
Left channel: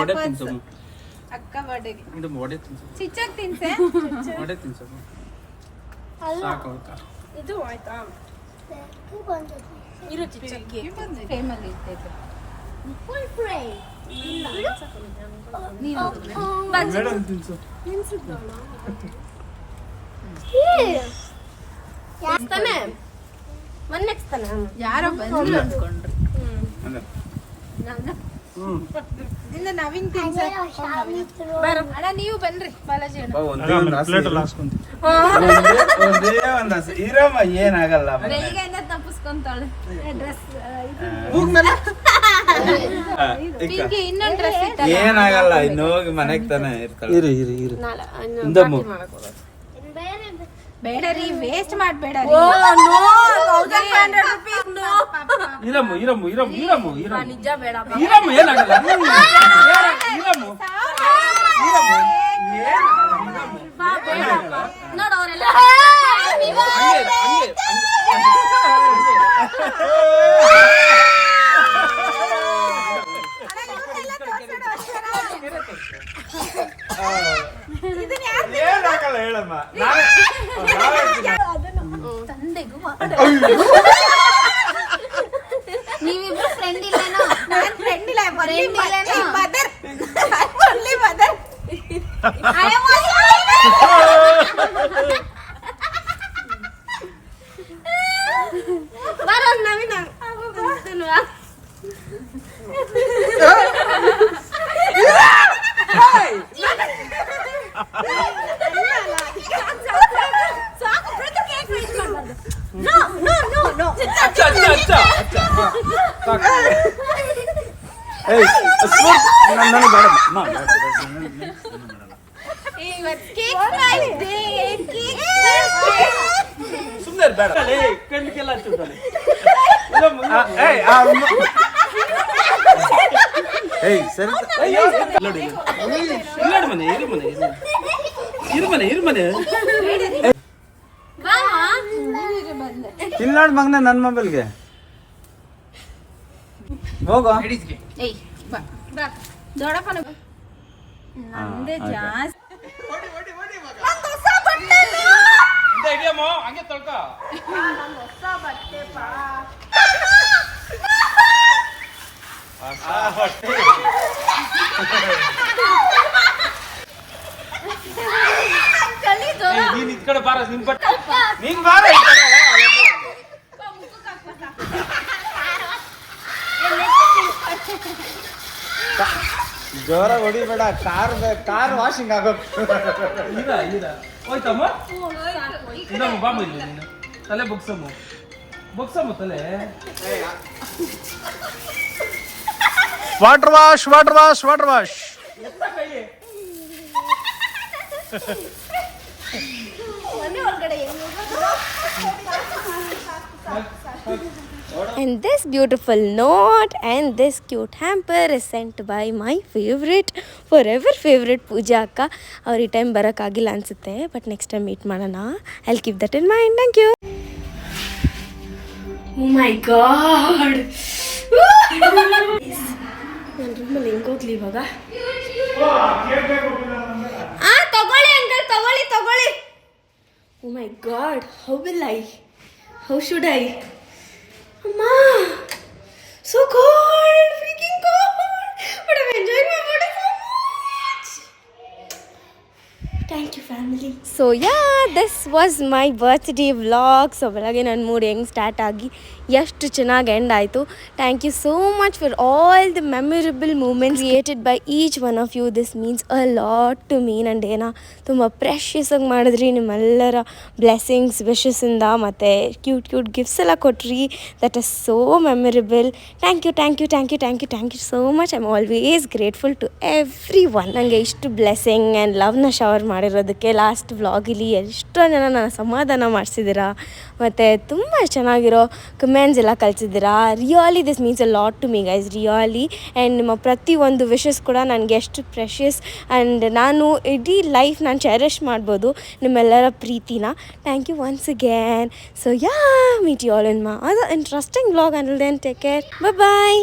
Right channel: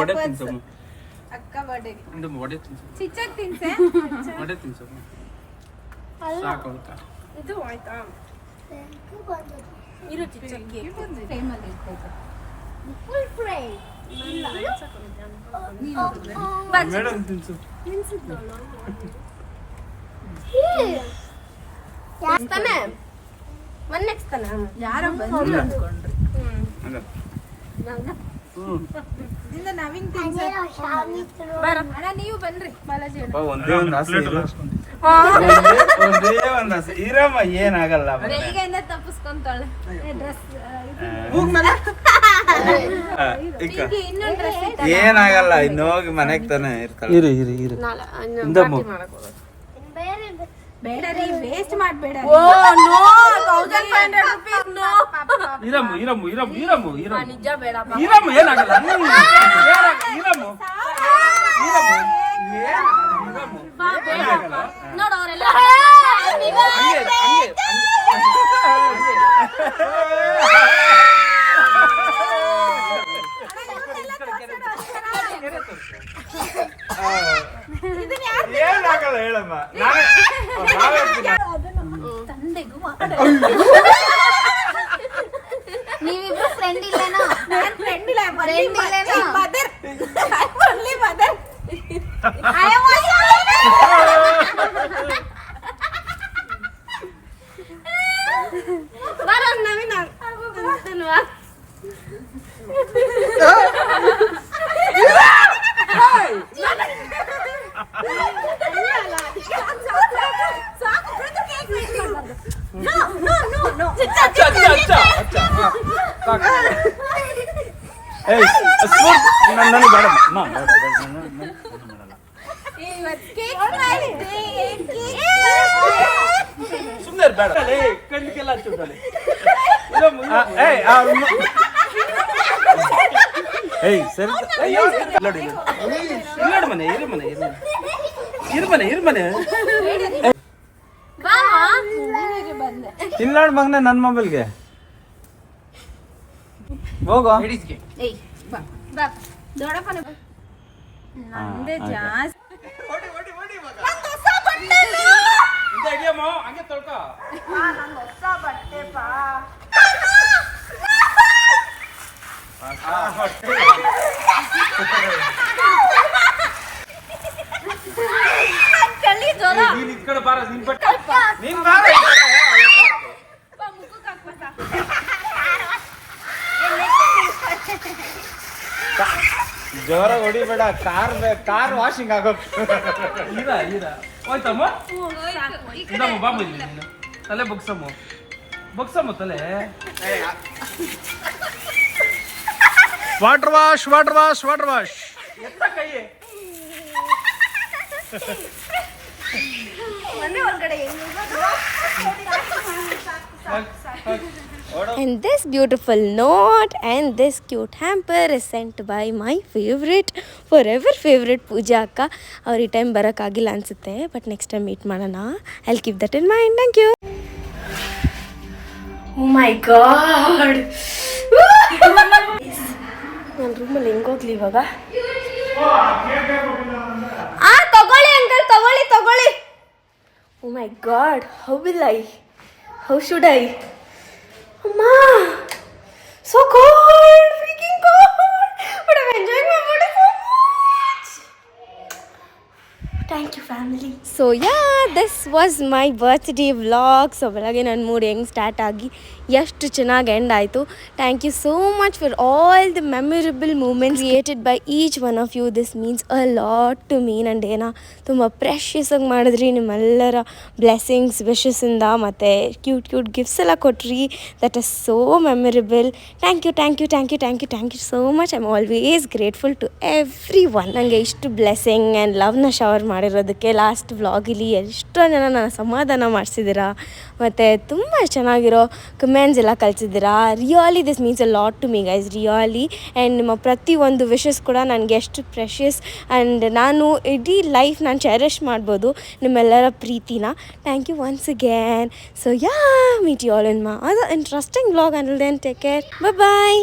ವಡೆ ತಿನ್ಸಮ್ಮ ಅಕ್ಕ ಬರ್ಡೇಗೆ ಇಂದಮ್ಮ ವಡೆ ತಿನ್ಸಮ್ಮ ಚಿಚ್ಚಾಗಿ ತಿನ್ಸೆ ವಡೆ ತಿನ್ಸಮ್ಮ ಸಾಕು ಅಳ್ಕ ಇದು ಆಯ್ತಾ ಇರು ಚಿಚ್ಚಕ್ಕೆ ಟೈಮಲ್ಲಿ ಇರ್ತೈತೆ ಮೇಡಮ್ ತಿನ್ಸು ತಾನೆ ನೆಕ್ಸ್ಟ್ ತಾನೆ ಯಾರೋ ಬಂದ್ರು ಅನ್ಕೊಂಡ್ರು ಅಲ್ಲ ಇಲ್ಲ ನವೀನ್ ತಿನ್ಸೆ ಅಣ್ಣ ನೀವು ಬನ್ರಿ ಬಾಲಾಜಿ ಅಣ್ಣ ಒಂದೇ ಒಂದು ಆಸೆ ಇರಮ್ಮ ಏನಾಗಲ್ಲ ಬೆಳಿಗ್ಗೆಯಿಂದ ತಪ್ಪಿಸ್ಕೊಂತಾಳೆ ಡ್ರೆಸ್ ಪಿಂಕಿ ಇನ್ನೊಂದು ಡ್ರೆಸ್ ಏನಾಗಲ್ಲ ಇನ್ನು ಹೋಗಿ ಮನೆಗ್ ತಾನೆ ಇರ್ತಾಳೆ ಬೇಡ ರೀ ವೇಸ್ಟ್ ಮಾಡ್ಬೇಡ ಓ ನೋ 1500 rupees ನೋ ಇರಮ್ಮ ನಿಜ ಬೇಡ ಇರಮ್ಮ ಏನಾಗಲ್ಲ ಇರಮ್ಮ ಬಾ ಬೇಡ ನೋಡು ಅವರೆಲ್ಲ ಹಂಗೆ ಏನಾಗಲ್ಲ ಹೇಳಮ್ಮ ನೀವಿಬ್ರು ಫ್ರೆಂಡ್ ಇಲ್ಲೇನೋ? ನಾನ್ ಫ್ರೆಂಡ್ ಇಲ್ಲ ಮದರ್ ಓನ್ಲಿ ಮದರ್ ಬರೋ ನವೀನ ಸುಮ್ಮನೆ ಬೇಡ ಕಣ್ಣಿಗೆಲ್ಲ ಹಚ್ಚುತ್ತಾಳೆ ಏಯ್ ಸರಿ ಇರ್ಮನೆ ತಿನ್ನಾಡ್ ಮಗನ ನನ್ನ ಮೊಬೈಲ್ಗೆ ಹೋಗೋ ಏಯ್ ಬಾ ಬಾ ದೊಡ್ಡಪ್ಪನ ನಂದೇ ಜಾಸ್ತಿ ಹಂಗೆ ತೊಳ್ಕ ನೀನ್ ಇದ್ ಕಡೆ ಬಾರ ನಿನ್ ಬಟ್ಟೆ ನೀನ್ ಬಾರ ಜೋರ ಹೊಡಿಬೇಡ ಕಾರ್ ವಾಷಿಂಗ್ ಆಗೋಕ್ ಇರ ಹೋಯ್ತಮ್ಮ ಇದಮ್ಮ ಬಾಮ ಇಲ್ಲಿ ನೀನು ತಲೆ ಬೊಗ್ಸಮ್ಮ ತಲೆ ವಾಟರ್ ವಾಶ್ ಎತ್ತ ಕೈ And this beautiful note and this cute hamper is sent by my forever favorite Pooja akka. ಅವ್ರು ಈ ಟೈಮ್ ಬರೋಕ್ಕಾಗಿಲ್ಲ ಅನಿಸುತ್ತೆ ಬಟ್ ನೆಕ್ಸ್ಟ್ ಟೈಮ್ ಮೀಟ್ ಮಾಡೋಣ. I'll keep that in mind. Thank you. Oh my god. ನನ್ನ ರೂಮಲ್ಲಿ ಹೆಂಗೋಗ್ಲಿ ಇವಾಗ? ತಗೊಳ್ಳಿ uncle ತಗೊಳ್ಳಿ. Oh my god, how should I? Amma, so cold, freaking cold, but I'm enjoying my body so much. Thank you family. So yeah, this was my birthday vlog. So ಬೆಳಗ್ಗೆ ನನ್ನ mood ಹೆಂಗೆ start ಆಗಿ ಎಷ್ಟು ಚೆನ್ನಾಗಿ end ಆಯಿತು. Thank you so much for all the memorable moments created by each one of you. This means a lot to me. ನನ್ನ ಡೇನ ತುಂಬ ಪ್ರೆಷಿಯಸ್ ಆಗಿ ಮಾಡಿದ್ರಿ. ನಿಮ್ಮೆಲ್ಲರ ಬ್ಲೆಸ್ಸಿಂಗ್ಸ್ ವಿಶಸ್ಸಿಂದ ಮತ್ತು ಕ್ಯೂಟ್ ಗಿಫ್ಟ್ಸ್ ಎಲ್ಲ ಕೊಟ್ರಿ. That is so memorable. Thank you so much. I am always grateful to everyone. ನನಗೆ ಇಷ್ಟು ಬ್ಲೆಸ್ಸಿಂಗ್ ಆ್ಯಂಡ್ ಲವ್ನ ಶವರ್ ಮಾಡಿರೋದಕ್ಕೆ ಲಾಸ್ಟ್ ವ್ಲಾಗಲ್ಲಿ ಎಷ್ಟೋ ಜನ ನನ್ನ ಸಮಾಧಾನ ಮಾಡಿಸಿದ್ದೀರಾ ಮತ್ತು ತುಂಬ ಚೆನ್ನಾಗಿರೋ ಕಮೆಂಟ್ಸ್ ಎಲ್ಲ ಕಳಿಸಿದ್ದೀರಾ. Really this means a lot to me guys, really. And ನಿಮ್ಮ ಪ್ರತಿಯೊಂದು ವಿಶಸ್ ಕೂಡ ನನಗೆ ಎಷ್ಟು ಪ್ರೆಷಿಯಸ್ ಆ್ಯಂಡ್ ನಾನು ಇಡೀ ಲೈಫ್ ನಾನು ಚೆರಿಷ್ ಮಾಡ್ಬೋದು ನಿಮ್ಮೆಲ್ಲರ ಪ್ರೀತಿನ. Thank you once again. So yeah, meet you all in my other interesting vlog. Until then take care, bye.